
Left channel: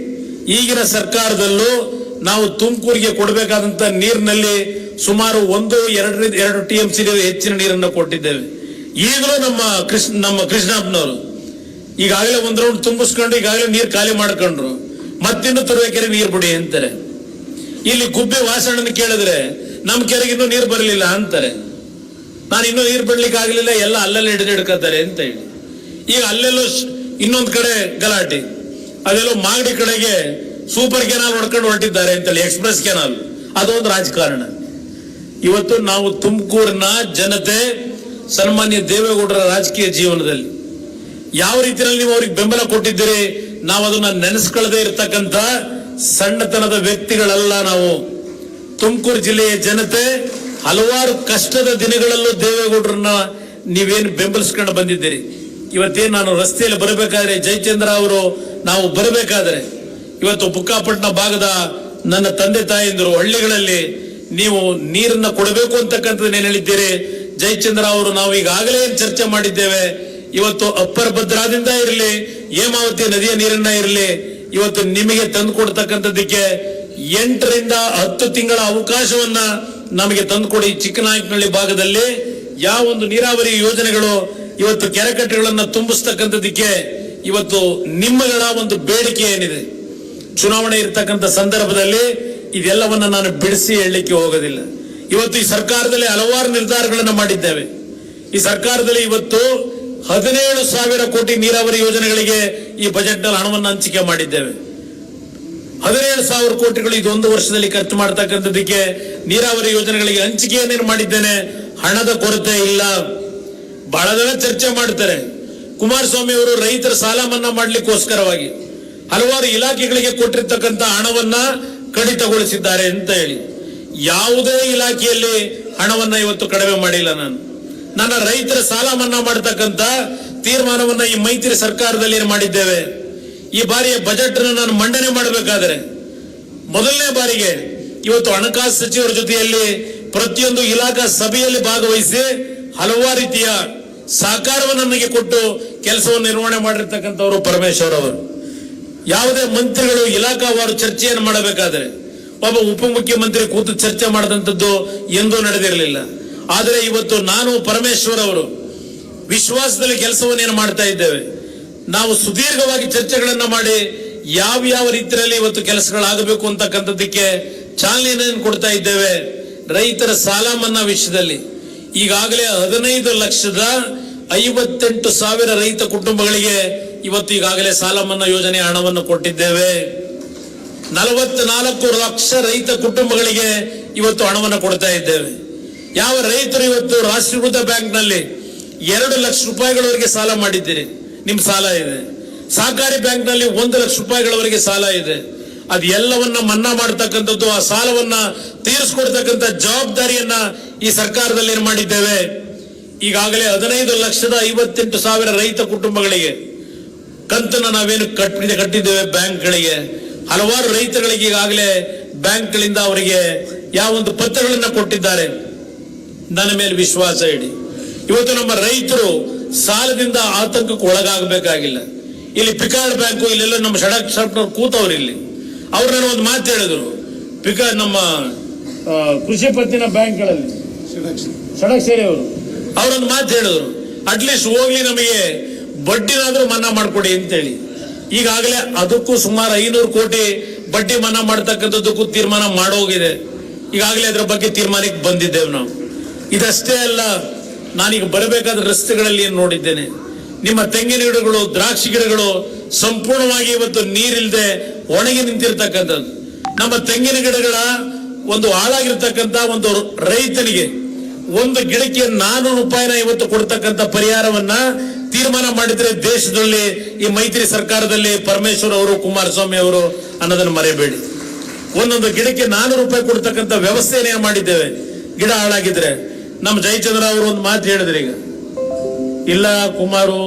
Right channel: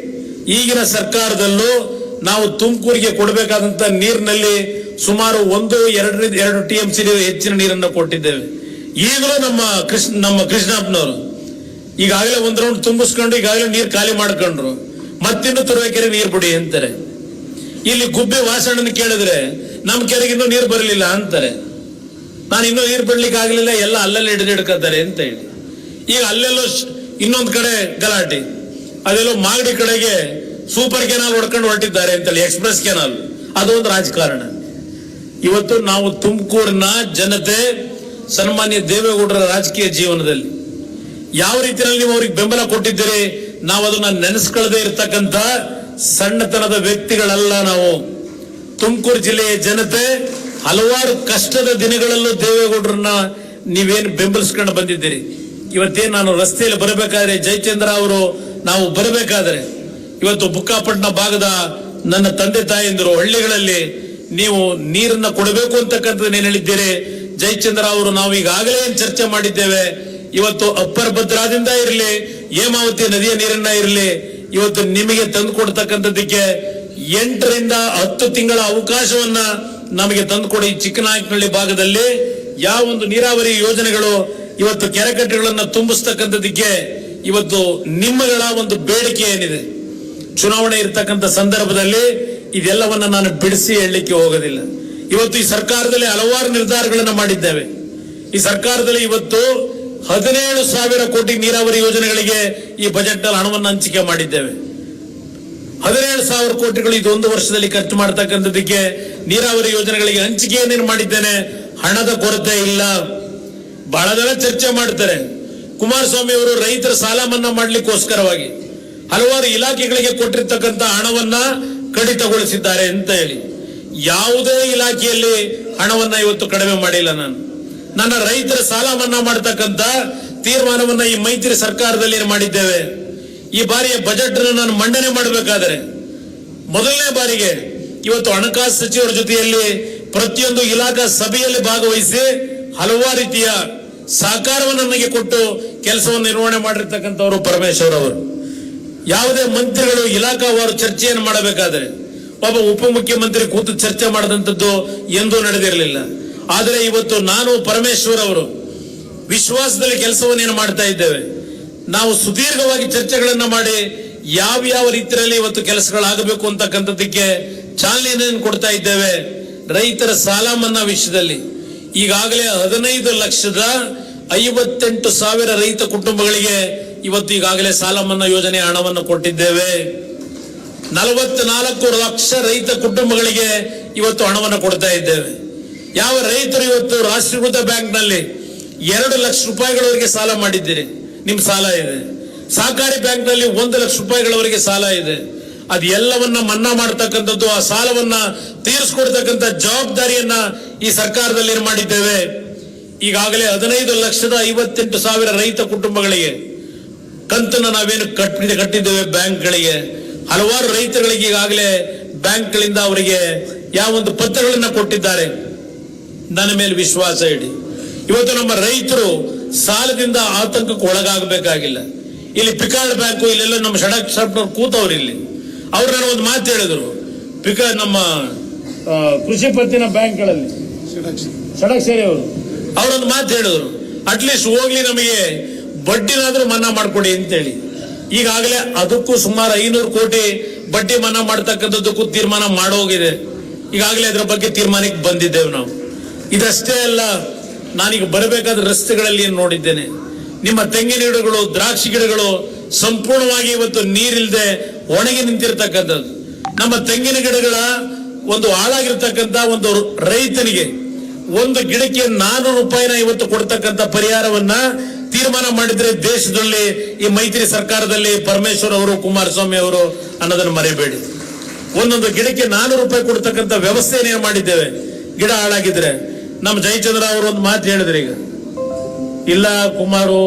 ಈಗಿನ ಸರ್ಕಾರದಲ್ಲೂ ನಾವು ತುಮಕೂರಿಗೆ ಕೊಡಬೇಕಾದಂತ ನೀರಿನಲ್ಲಿ ಸುಮಾರು 1-2 TMC ಹೆಚ್ಚಿನ ನೀರನ್ನು ಕೊಟ್ಟಿದ್ದೇವೆ. ಈಗಲೂ ನಮ್ಮ ಕೃಷ್ಣಪ್ಪನವರು ಈಗಾಗಲೇ 1 ರೌಂಡ್ ತುಂಬಿಸ್ಕೊಂಡು ಈಗಾಗಲೇ ನೀರು ಖಾಲಿ ಮಾಡ್ಕೊಂಡ್ರು, ಮತ್ತಿನ್ನು ತುರುವೇಕೆರೆ ನೀರು ಬಿಡಿ ಅಂತಾರೆ. ಇಲ್ಲಿ ಗುಬ್ಬೆ ವಾಸಣ್ಣನ ಕೇಳಿದ್ರೆ ನಮ್ಮ ಕೆರೆಗೆ ಇನ್ನೂ ನೀರು ಬರಲಿಲ್ಲ ಅಂತಾರೆ. ನಾನು ಇನ್ನೂ ನೀರು ಬಿಡ್ಲಿಕ್ಕೆ ಆಗ್ಲಿಲ್ಲ, ಎಲ್ಲ ಅಲ್ಲಲ್ಲಿ ಹಿಡಿದಿಡ್ಕತ್ತಾರೆ ಅಂತ ಹೇಳಿ. ಈಗ ಅಲ್ಲೆಲ್ಲೋ ಇನ್ನೊಂದು ಕಡೆ ಗಲಾಟೆ, ಅದೆಲ್ಲೋ ಮಾಗಡಿ ಕಡೆಗೆ ಸೂಪರ್ ಕೆನಾಲ್ ಹೊಡ್ಕೊಂಡು ಹೊರಟಿದ್ದಾರೆ ಅಂತೇಳಿ, ಎಕ್ಸ್ಪ್ರೆಸ್ ಕೆನಾಲ್, ಅದೊಂದು ರಾಜಕಾರಣ. ಇವತ್ತು ನಾವು ತುಮಕೂರಿನ ಜನತೆ ಸನ್ಮಾನ್ಯ ದೇವೇಗೌಡರ ರಾಜಕೀಯ ಜೀವನದಲ್ಲಿ ಯಾವ ರೀತಿಯಲ್ಲಿ ನೀವು ಅವ್ರಿಗೆ ಬೆಂಬಲ ಕೊಟ್ಟಿದ್ದೀರಿ, ನಾವು ಅದನ್ನ ನೆನೆಸ್ಕೊಳ್ಳದೆ ಇರತಕ್ಕಂತ ಸಣ್ಣತನದ ವ್ಯಕ್ತಿಗಳಲ್ಲ ನಾವು. ತುಮಕೂರು ಜಿಲ್ಲೆಯ ಜನತೆ ಹಲವಾರು ಕಷ್ಟದ ದಿನಗಳಲ್ಲೂ ದೇವೇಗೌಡರನ್ನ ನೀವೇನು ಬೆಂಬಲಿಸ್ಕೊಂಡು ಬಂದಿದ್ದೀರಿ. ಇವತ್ತೇನು ನಾನು ರಸ್ತೆಯಲ್ಲಿ ಬರಬೇಕಾದ್ರೆ ಜಯಚಂದ್ರ ಅವರು ನಾವು ಬರಬೇಕಾದ್ರೆ ಇವತ್ತು ಬುಕ್ಕಾಪಟ್ಟಣ ಭಾಗದ ನನ್ನ ತಂದೆ ತಾಯಂದಿರು ಹಳ್ಳಿಗಳಲ್ಲಿ ನೀವು ನೀರನ್ನ ಕೊಡಬೇಕು ಅಂತಕ್ಕಂಥದ್ದು ಏನ್ ಹೇಳಿದ್ದೀರಿ. ಜಯಚಂದ್ರ ಅವರು ನಾವು ಈಗಾಗಲೇ ಚರ್ಚೆ ಮಾಡಿದ್ದೇವೆ. ಇವತ್ತು ಅಪ್ಪರ್ ಭದ್ರಾದಿಂದ ಇರಲಿ, ಹೇಮಾವತಿ ನದಿಯ ನೀರನ್ನ ಇರಲಿ, ಇವತ್ತು ನಿಮಗೆ ತಂದು ಕೊಡ್ತಕ್ಕಂಥದ್ದಕ್ಕೆ 8ರಿಂದ 10 ತಿಂಗಳ ಅವಕಾಶವನ್ನ ನಮಗೆ ತಂದುಕೊಡಿ. ಚಿಕ್ಕನಾಯಕನಹಳ್ಳಿ ಭಾಗದಲ್ಲಿ ಯಾವ ಒಂದು ನೀರಾವರಿ ಯೋಜನೆಗಳು ಇವತ್ತು ಕೆರೆಕಟ್ಟೆಗಳನ್ನ ತುಂಬಿಸ್ತಕ್ಕಂಥದ್ದಕ್ಕೆ ಇವತ್ತು ನಿಮ್ಮಗಳ ಒಂದು ಬೇಡಿಕೆ ಏನಿದೆ, ಚುನಾವಣೆ ಇರ್ತಕ್ಕಂಥ ಸಂದರ್ಭದಲ್ಲಿ ಇದೆಲ್ಲವನ್ನ ನಾನು ಬಿಡಿಸಿ ಹೇಳಲಿಕ್ಕೆ ಹೋಗೋದಿಲ್ಲ. ಇವತ್ತು ಈ ಸರ್ಕಾರದಲ್ಲಿ ಹಲವಾರು ನಿರ್ಧಾರಗಳನ್ನು ಮಾಡಿದ್ದೇವೆ. ಈ ಸರ್ಕಾರದಲ್ಲಿ ಇವತ್ತು 17,000 ಕೋಟಿ ನೀರಾವರಿ ಯೋಜನೆಗಳಿಗೆ ಈ ಬಜೆಟ್ ನಲ್ಲಿ ಹಣವನ್ನು ಹಂಚಿಕೆ ಮಾಡಿದ್ದೇವೆ. 17,000 ಕೋಟಿಗಳು ಇದೊಂದು ವರ್ಷದಲ್ಲಿ ಖರ್ಚು ಮಾಡತಕ್ಕಂಥದ್ದಕ್ಕೆ ನೀರಾವರಿ ಯೋಜನೆಗಳಿಗೆ ಹಂಚಿಕೆಯನ್ನೇನು ಮಾಡಿದ್ದೇನೆ. ಹಣದ ಕೊರತೆ ಇಲ್ಲ. ಬಹಳ ಜನ ಚರ್ಚೆ ಮಾಡ್ತಾರೆ, ಕುಮಾರಸ್ವಾಮಿ ಅವರು ರೈತರ ಸಾಲ ಮನ್ನಾ ಮಾಡ್ಲಿಕ್ಕೋಸ್ಕರವಾಗಿ ಹಲವಾರು ಇಲಾಖೆಗಳಿಗೆ ಕೊಟ್ಟಿರ್ತಕ್ಕಂಥ ಹಣವನ್ನ ಕಡಿತಗೊಳಿಸಿದ್ದಾರೆ ಅಂತ ಹೇಳಿ. ಯಾವುದೇ ಇಲಾಖೆಯಲ್ಲಿ ಹಣವನ್ನ ಇವತ್ತು ಕಡಿಮೆ ಮಾಡಿಲ್ಲ. ನನ್ನ ರೈತರ ಸಾಲ ಮನ್ನಾ ಮಾಡತಕ್ಕಂತ ತೀರ್ಮಾನವನ್ನ ಈ ಮೈತ್ರಿ ಸರ್ಕಾರದಲ್ಲಿ ಮಾಡಿದ್ದೇವೆ. ಈ ಬಾರಿಯ ಬಜೆಟ್ ನಾನು ಮಂಡನೆ ಮಾಡಬೇಕಾದ್ರೆ ಮೊದಲನೇ ಬಾರಿಗೆ ಇವತ್ತು ಹಣಕಾಸು ಸಚಿವರ ಜೊತೆಯಲ್ಲಿ ಪ್ರತಿಯೊಂದು ಇಲಾಖಾ ಸಭೆಯಲ್ಲಿ ಭಾಗವಹಿಸಿ ಹಲವಾರು ರೀತಿಯ ಸಹಕಾರವನ್ನು ನನಗೆ ಕೊಟ್ಟು ಕೆಲಸವನ್ನು ನಿರ್ವಹಣೆ ಮಾಡಿರ್ತಕ್ಕಂಥವರು ಪರಮೇಶ್ವರ್ ಅವರು. ಯಾವುದೇ ಮಂತ್ರಿಗಳು ಇಲಾಖಾವಾರು ಚರ್ಚೆಯನ್ನು ಮಾಡಬೇಕಾದ್ರೆ ಒಬ್ಬ ಉಪಮುಖ್ಯಮಂತ್ರಿ ಕೂತು ಚರ್ಚೆ ಮಾಡದಂಥದ್ದು ಎಂದೂ ನಡೆದಿರಲಿಲ್ಲ. ಆದರೆ ಇವತ್ತು ನಾನು ಪರಮೇಶ್ವರ್ ಅವರು ವಿಶ್ವಾಸದಲ್ಲಿ ಕೆಲಸವನ್ನೇನು ಮಾಡ್ತಾ ಇದ್ದೇವೆ. ನಾವು ಸುದೀರ್ಘವಾಗಿ ಚರ್ಚೆಗಳನ್ನ ಮಾಡಿ ಯಾವ ರೀತಿಯಲ್ಲಿ ಇವತ್ತು ಕೆಲಸಗಳಾಗಬೇಕು ಅಂತಕ್ಕಂಥದ್ದಕ್ಕೆ ಚಾಲನೆಯನ್ನು ಕೊಡ್ತಾ ಇದ್ದೇವೆ. ರೈತರ ಸಾಲ ಮನ್ನಾ ವಿಷಯದಲ್ಲಿ ಈಗಾಗಲೇ 15,58,000 ರೈತ ಕುಟುಂಬಗಳಿಗೆ ಇವತ್ತು ಈಗಾಗಲೇ ಸಾಲ ಮನ್ನಾ ಯೋಜನೆ ಹಣವನ್ನು ಕೊಟ್ಟಿದ್ದೇವೆ. 44 ಲಕ್ಷ ರೈತ ಕುಟುಂಬಗಳಿಗೆ ಇವತ್ತು ಹಣವನ್ನು ಕೊಡ್ತಾ ಇದ್ದೇವೆ. ಯಾವ ರೈತರು ಇವತ್ತು ರಾಷ್ಟ್ರೀಕೃತ ಬ್ಯಾಂಕ್ನಲ್ಲಿ 2 ಲಕ್ಷ ರೂಪಾಯಿಗಳವರೆಗೆ ಸಾಲ ಮಾಡಿದ್ದೀರಿ, ನಿಮ್ ಸಾಲ ಇದೆ. ಸಹಕಾರಿ ಬ್ಯಾಂಕ್ನಲ್ಲಿ 1 ಲಕ್ಷ ರೂಪಾಯಿಗಳವರೆಗೆ ಸಾಲ ಇದೆ. ಅದು ಎಲ್ಲವನ್ನ ಮನ್ನಾ ಮಾಡತಕ್ಕಂಥದ್ದು, ಆ ಸಾಲವನ್ನ ತೀರಿಸಿಕೊಡ್ತಕ್ಕಂಥ ಜವಾಬ್ದಾರಿಯನ್ನ ಈ ಸರ್ಕಾರದಲ್ಲಿ ಮಾಡಿದ್ದೇವೆ. ಈಗಾಗಲೇ 15,58,000 ರೈತ ಕುಟುಂಬಗಳಿಗೆ ಕಂತನ್ನ ನಾವೇನು ಕಟ್ಟಿದ್ದೇವೆ ಬ್ಯಾಂಕ್ಗಳಿಗೆ. ಹಲವಾರು ರೈತರಿಗೆ ಈಗಾಗಲೇ ಬ್ಯಾಂಕ್ಗಳಿಂದ ಅವರಿಗೆ ಯಾವೊಂದು ಪತ್ರಗಳನ್ನ ಕೊಟ್ಟಿದ್ದಾರೆ. ನನ್ನ ಮೇಲೆ ವಿಶ್ವಾಸ ಇಡಿ. ಇವತ್ತು ನಮ್ಮ ರೈತರು ಸಾಲದಿಂದ ಆತಂಕಕ್ಕೆ ಒಳಗಾಗಬೇಕಾಗಿಲ್ಲ. ಇಲ್ಲಿ ಪಿಕಾರ್ಡ್ ಬ್ಯಾಂಕು ಇಲ್ಲೆಲ್ಲ ನಮ್ಮ ಷಡಕ್ಷರ ಕೂತವ್ರು ಇಲ್ಲಿ ಅವ್ರು ನಾನು ಒಂದು ಮಾತು ಹೇಳಿದ್ರು. ನಮ್ಮ ಕೃಷಿ ಪತ್ತಿನ ಬ್ಯಾಂಕ್ಗಳಲ್ಲಿ ಷಡಕ್ಷರಿ ಅವರೊಂದು ಮಾತು ಹೇಳಿದ್ರು, ಅಟ್ಲೀಸ್ಟ್ ಹೋಗ್ಲಿ ನಮಗೆ ಬಡ್ಡಿನಾದ್ರೂ ಮನ್ನಾ ಮಾಡ್ಕೊಡಿ ಅಂತೇಳಿ. ಈಗಾಗಲೇ ಅದಕ್ಕೂ ಸುಮಾರು 500 ಕೋಟಿ ಬಡ್ಡಿ ಮನ್ನಾ ಮಾಡತಕ್ಕಂಥದ್ದಕ್ಕೂ ತೀರ್ಮಾನ ಮಾಡೋಗಿದೆ. ಈಗಾಗಲೇ ಅದರ ಬಗ್ಗೆ ತೀರ್ಮಾನಕ್ಕೆ ಬಂದಿದ್ದೇವೆ ನಾವು. ಇದಷ್ಟೇ ಅಲ್ಲ, ನಾನೀಗ ಬರಬೇಕಾದ ರಸ್ತೆಗಳಲ್ಲಿ ಏನು ನೋಡಿದ್ದೇನೆ, ನಿಮ್ಮ ತೆಂಗಿನ ಗಿಡಗಳು, ದ್ರಾಕ್ಷಿ ಗಿಡಗಳು ಸಂಪೂರ್ಣವಾಗಿ ಇವತ್ತು ನೀರಿಲ್ಲದೆ ಒಣಗಿ ನಿಂತಿರ್ತಕ್ಕಂಥದ್ದು. ನಮ್ಮ ತೆಂಗಿನ ಗಿಡಗಳ ಒಂದು ಹಾಳಾಗಿರ್ತಕ್ಕಂಥ ಒಂದು ರೈತನಿಗೆ ಒಂದು ಗಿಡಕ್ಕೆ 400 ರೂಪಾಯಿನ ಇವತ್ತು ಕೊಡ್ತಕ್ಕಂಥ ಪರಿಹಾರವನ್ನ ತೀರ್ಮಾನ ಮಾಡಿದ್ರೆ ದೇಶದಲ್ಲಿ ಈ ಮೈತ್ರಿ ಸರ್ಕಾರದಲ್ಲಿ ಪರಮೇಶ್ವರ್ ಅವರು, ಕುಮಾರಸ್ವಾಮಿ ಅವರು ಅನ್ನೋದನ್ನು ಮರೆಯಬೇಡಿ. ಒಂದೊಂದು ಗಿಡಕ್ಕೆ 400 ರೂಪಾಯಿ ಕೊಡ್ತಕ್ಕಂಥ ವ್ಯವಸ್ಥೆಯನ್ನು ಮಾಡಿದ್ದೇವೆ. ಗಿಡ ಹಾಳಾಗಿದ್ರೆ ನಮ್ಮ ಜಯಚಂದ್ರ ಅವರು ಒಂದು ಮಾತು ಹೇಳಿದ್ರೆ, ಈಗ ಇಲ್ಲ ಕುಮಾರು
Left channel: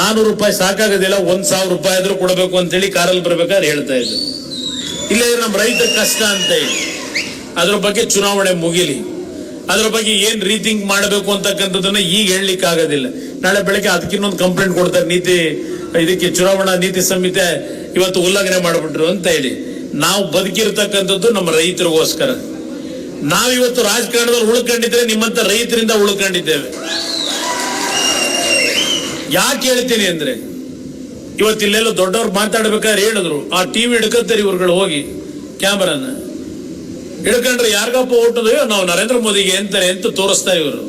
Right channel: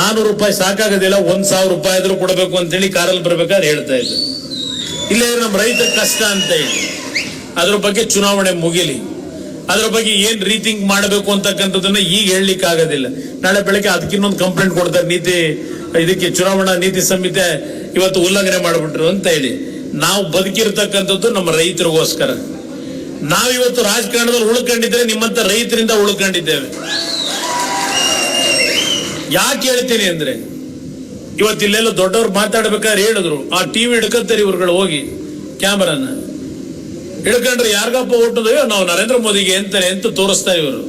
400 ರೂಪಾಯಿ ಸಾಕಾಗೋದಿಲ್ಲ, 1,000 ರೂಪಾಯಿ ಆದ್ರೂ ಕೊಡಬೇಕು ಅಂತೇಳಿ ಕಾರಲ್ಲಿ ಬರ್ಬೇಕಾದ್ರೆ ಹೇಳ್ತಾ ಇದ್ರು. ಇಲ್ಲೇ ನಮ್ಮ ರೈತರ ಕಷ್ಟ ಅಂತ ಹೇಳಿ ಅದ್ರ ಬಗ್ಗೆ ಚುನಾವಣೆ ಮುಗಿಲಿ, ಅದ್ರ ಬಗ್ಗೆ ಏನ್ ರೀಥಿಂಕ್ ಮಾಡಬೇಕು ಅಂತಕ್ಕಂಥದ್ದನ್ನ ಈಗ ಹೇಳಲಿಕ್ಕೆ ಆಗೋದಿಲ್ಲ. ನಾಳೆ ಬೆಳಗ್ಗೆ ಅದಕ್ಕಿನ್ನೊಂದು ಕಂಪ್ಲೇಂಟ್ ಕೊಡ್ತಾರೆ, ಇದಕ್ಕೆ ಚುನಾವಣಾ ನೀತಿ ಸಂಹಿತೆ ಇವತ್ತು ಉಲ್ಲಂಘನೆ ಮಾಡಿಬಿಟ್ರು ಅಂತ ಹೇಳಿ. ನಾವು ಬದುಕಿರ್ತಕ್ಕಂಥದ್ದು ನಮ್ಮ ರೈತರಿಗೋಸ್ಕರ. ನಾವಿವತ್ತು ರಾಜಕಾರಣದಲ್ಲಿ ಉಳ್ಕೊಂಡಿದ್ರೆ ನಿಮ್ಮಂತ ರೈತರಿಂದ ಉಳ್ಕೊಂಡಿದ್ದೇವೆ. ಯಾಕೆ ಹೇಳ್ತೀನಿ ಅಂದ್ರೆ, ಇವತ್ತು ಇಲ್ಲೆಲ್ಲ ದೊಡ್ಡವ್ರು ಮಾತಾಡ್ಬೇಕಾದ್ರೆ ಹೇಳಿದ್ರು, ಆ ಟಿವಿ ಹಿಡ್ಕಂತಾರೆ ಇವ್ರುಗಳು ಹೋಗಿ ಕ್ಯಾಮರಾನ ಹಿಡ್ಕೊಂಡ್ರೆ ಯಾರಿಗಪ್ಪ ಓಟೋದು, ನಾವು ನರೇಂದ್ರ ಮೋದಿಗೆ ಅಂತಾರೆ ಅಂತ ತೋರಿಸ್ತಾ ಇವರು.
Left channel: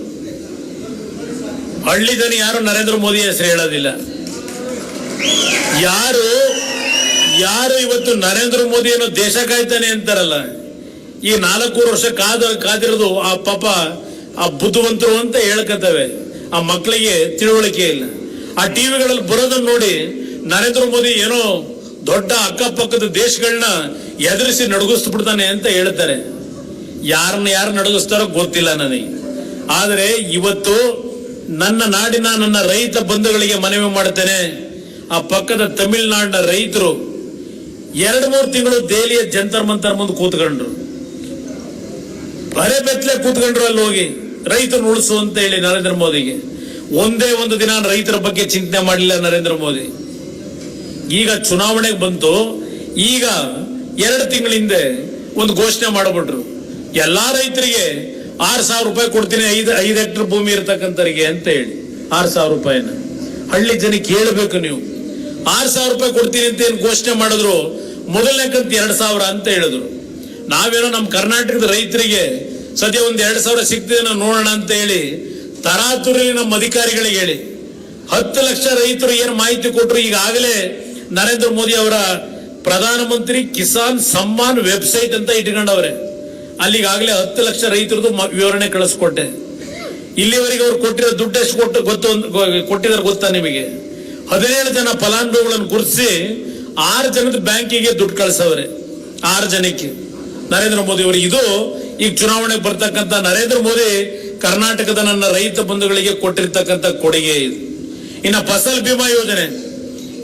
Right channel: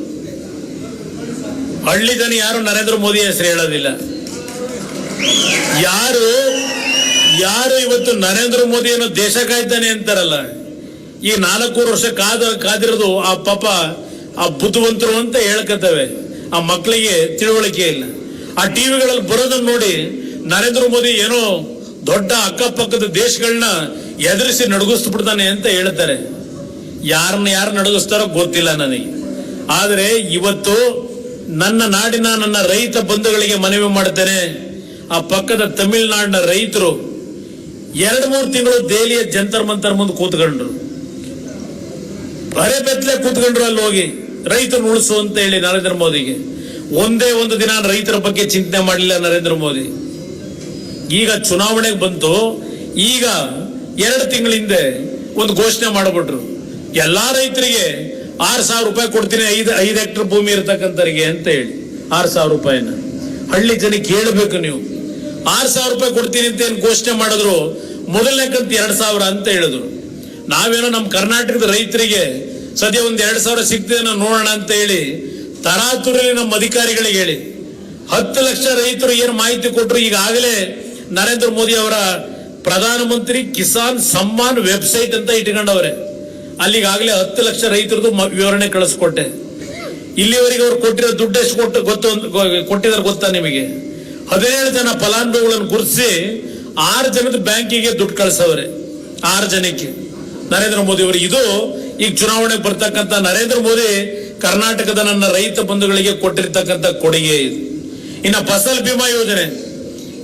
ಹಳ್ಳಿ ಜನ ಯಾರು ನರೇಂದ್ರ ಮೋದಿ ಹೆಸರು ಹೇಳೋದಿಲ್ಲ. ಯಾರು ಇವತ್ತು ನರೇಂದ್ರ ಮೋದಿ ಏನೋ ದೇಶ ಕಾಯ್ತಾನೆ ಅಂತಾರಲ್ಲ, ಈ 4 ವರ್ಷ ಕಾದಿರೋದು ಆ ಪಾಪ ಆ ಬುದ್ಧಿವಂತರು ಅಂತ ಹೇಳ್ಕತ್ತವೆ. ಆ ಮಕ್ಕಳಿಗೆ ತಿಳುವಳಿಕೆ ಇಲ್ಲ. ಆ ಟಿವಿಗಳಲ್ಲಿ ಬರೋದನ್ನ ನೋಡಿ ನರೇಂದ್ರ ಮೋದಿ ಏನೋ ದೊಡ್ಡ ಅಕ್ಕಪಕ್ಕದ ದೇಶಗಳನ್ನ ಎದುರಿಸಿ ನಡುಗಿಸ್ಬಿಡ್ತಾನೆ ಅಂತ ಹೇಳ್ತಾರೆ. ಯಾರು ನಡುಗಿಸ್ತಾರೋ ಗೊತ್ತಿಲ್ಲ ನನಗೆ. ಆದರೆ ಇವತ್ತು ನನ್ನ ನಾಡಿನ ನನ್ನ ರೈತ ಬಂಧುಗಳಿಗೆ ಮನವಿ ಮಾಡ್ತೇನೆ, ಆ ಪಕ್ಕದ ತಮಿಳುನಾಡಿನ ರೈತರು 2-3 ತಿಂಗಳು ದೆಹಲಿಯ ಜಂತರ್ ಮಂತರ್ ಮುಂದೆ ಕೂತ್ಕೊಂಡ್ರು, ಬರೆ ಬೆತ್ತಲೆ ಕೂತ್ಕೊಂಡ್ರು. ಅಲ್ಲಿ ಹೋಗಿ ರೈತರು ಉಳಿಸು ಅಂತ ಹೇಳಿ ನರೇಂದ್ರ ಮೋದಿಗೆ ಒಂದೇ ಒಂದು ದಿನ ರೈತರ ಬಗ್ಗೆ ಚಿಂತನೆ ಮಾಡಲಿಲ್ಲ ನರೇಂದ್ರ ಮೋದಿ. ಈಗ ಚುನಾವಣೆಗೆ ಬಂತು, ಈಗ 2 ತಿಂಗಳ ಹಿಂದೆ ಒಂದು ಘೋಷಣೆ ಮಾಡಿಬಿಟ್ರು, ಎಲ್ಲಾ ರೈತರಿಗೆ 6,000 ರೂಪಾಯಿ ಕೊಡ್ತೀನಿ, 5 ಹೆಕ್ಟರ್ ಭೂಮಿ ಇರತಕ್ಕಂಥವ್ರಿಗೆ ಅಂತ ಹೇಳಿ 6,000 ರೂಪಾಯಿನ. ಹಳ್ಳಿ ಜನಕ್ಕೆ ಕೇಳಬೇಕು ನೀವು, 6,000 ರೂಪಾಯಿ ಕೊಡ್ತೀನಿ ಅಂತ ಏನ್ ಘೋಷಣೆ ಮಾಡಿದ್ರು, ಮೊದಲನೇ ಕಂತು 2,000 ಅಂತ ಹೇಳಿದ್ರು. ನಾವೇನೋ ನಮ್ಮ ಕರ್ನಾಟಕದ ರೈತರಿಗೆ ಸದ್ಯ ಒಂದು 2,000 ಸಿಗ್ತದೆ ನೋಡೋಣ ಅಂತ ಹೇಳಿ ತರಾತುರಲ್ಲಿ ನಮ್ಮ ಅಧಿಕಾರಿಗಳಿಗೆ ಹೇಳಿ 10 ಲಕ್ಷ ರೈತರು ಏನು ಮಾಹಿತಿ ಕೊಟ್ಟರು. ಈಗಾಗಲೇ ನರೇಂದ್ರ ಮೋದಿ ಅವರ ಪ್ರಧಾನಮಂತ್ರಿ ಕಿಸಾನ್ ಸಮ್ಮಾನ್ ವೆಬ್ಸೈಟ್ ಅಂತ ಇಟ್ಕೊಂಡವ್ರೆ. ಅಲ್ಲಿಗಾಗಲೇ 10 ಲಕ್ಷ ರೈತರದ್ದು ವಿವರಣೆ ಕಳಿಸ್ಕೊಟ್ಟೆ. ಇಲ್ಲಿವರೆಗೆ ಅವ್ರು ಕೊಟ್ಟಿರೋ ದುಡ್ಡು ಎಷ್ಟು ಕೊಟ್ಟಿದ್ದಾರೆ ಗೊತ್ತಾ ನಿಮಗೆ? 17 ಜನ ಫಲಾನುಭವಿಗಳನ್ನು ಗುರುತಿಸಿ 6 ಜನದ ಬ್ಯಾಂಕಿಗೆ ದುಡ್ಡು ಕಳಿಸವ್ರೆ. 6 ಜನಕ್ಕೆ ನರೇಂದ್ರ ಮೋದಿ ಅವರು. ಇದು ಈಗ ಚುನಾವಣೆಗೆ ಬರ್ತಕ್ಕಂಥ ನರೇಂದ್ರ ಮೋದಿ ಕರ್ನಾಟಕದ ನನ್ನ ರೈತ ಬಂಧುಗಳಿಗೆ ಕೊಟ್ಟಿರ್ತಕ್ಕಂಥ ಕೊಡುಗೆ ಇದು. ಇನ್ನು ಫಸಲ್ ಬಿಮಾ ಯೋಜನೆ,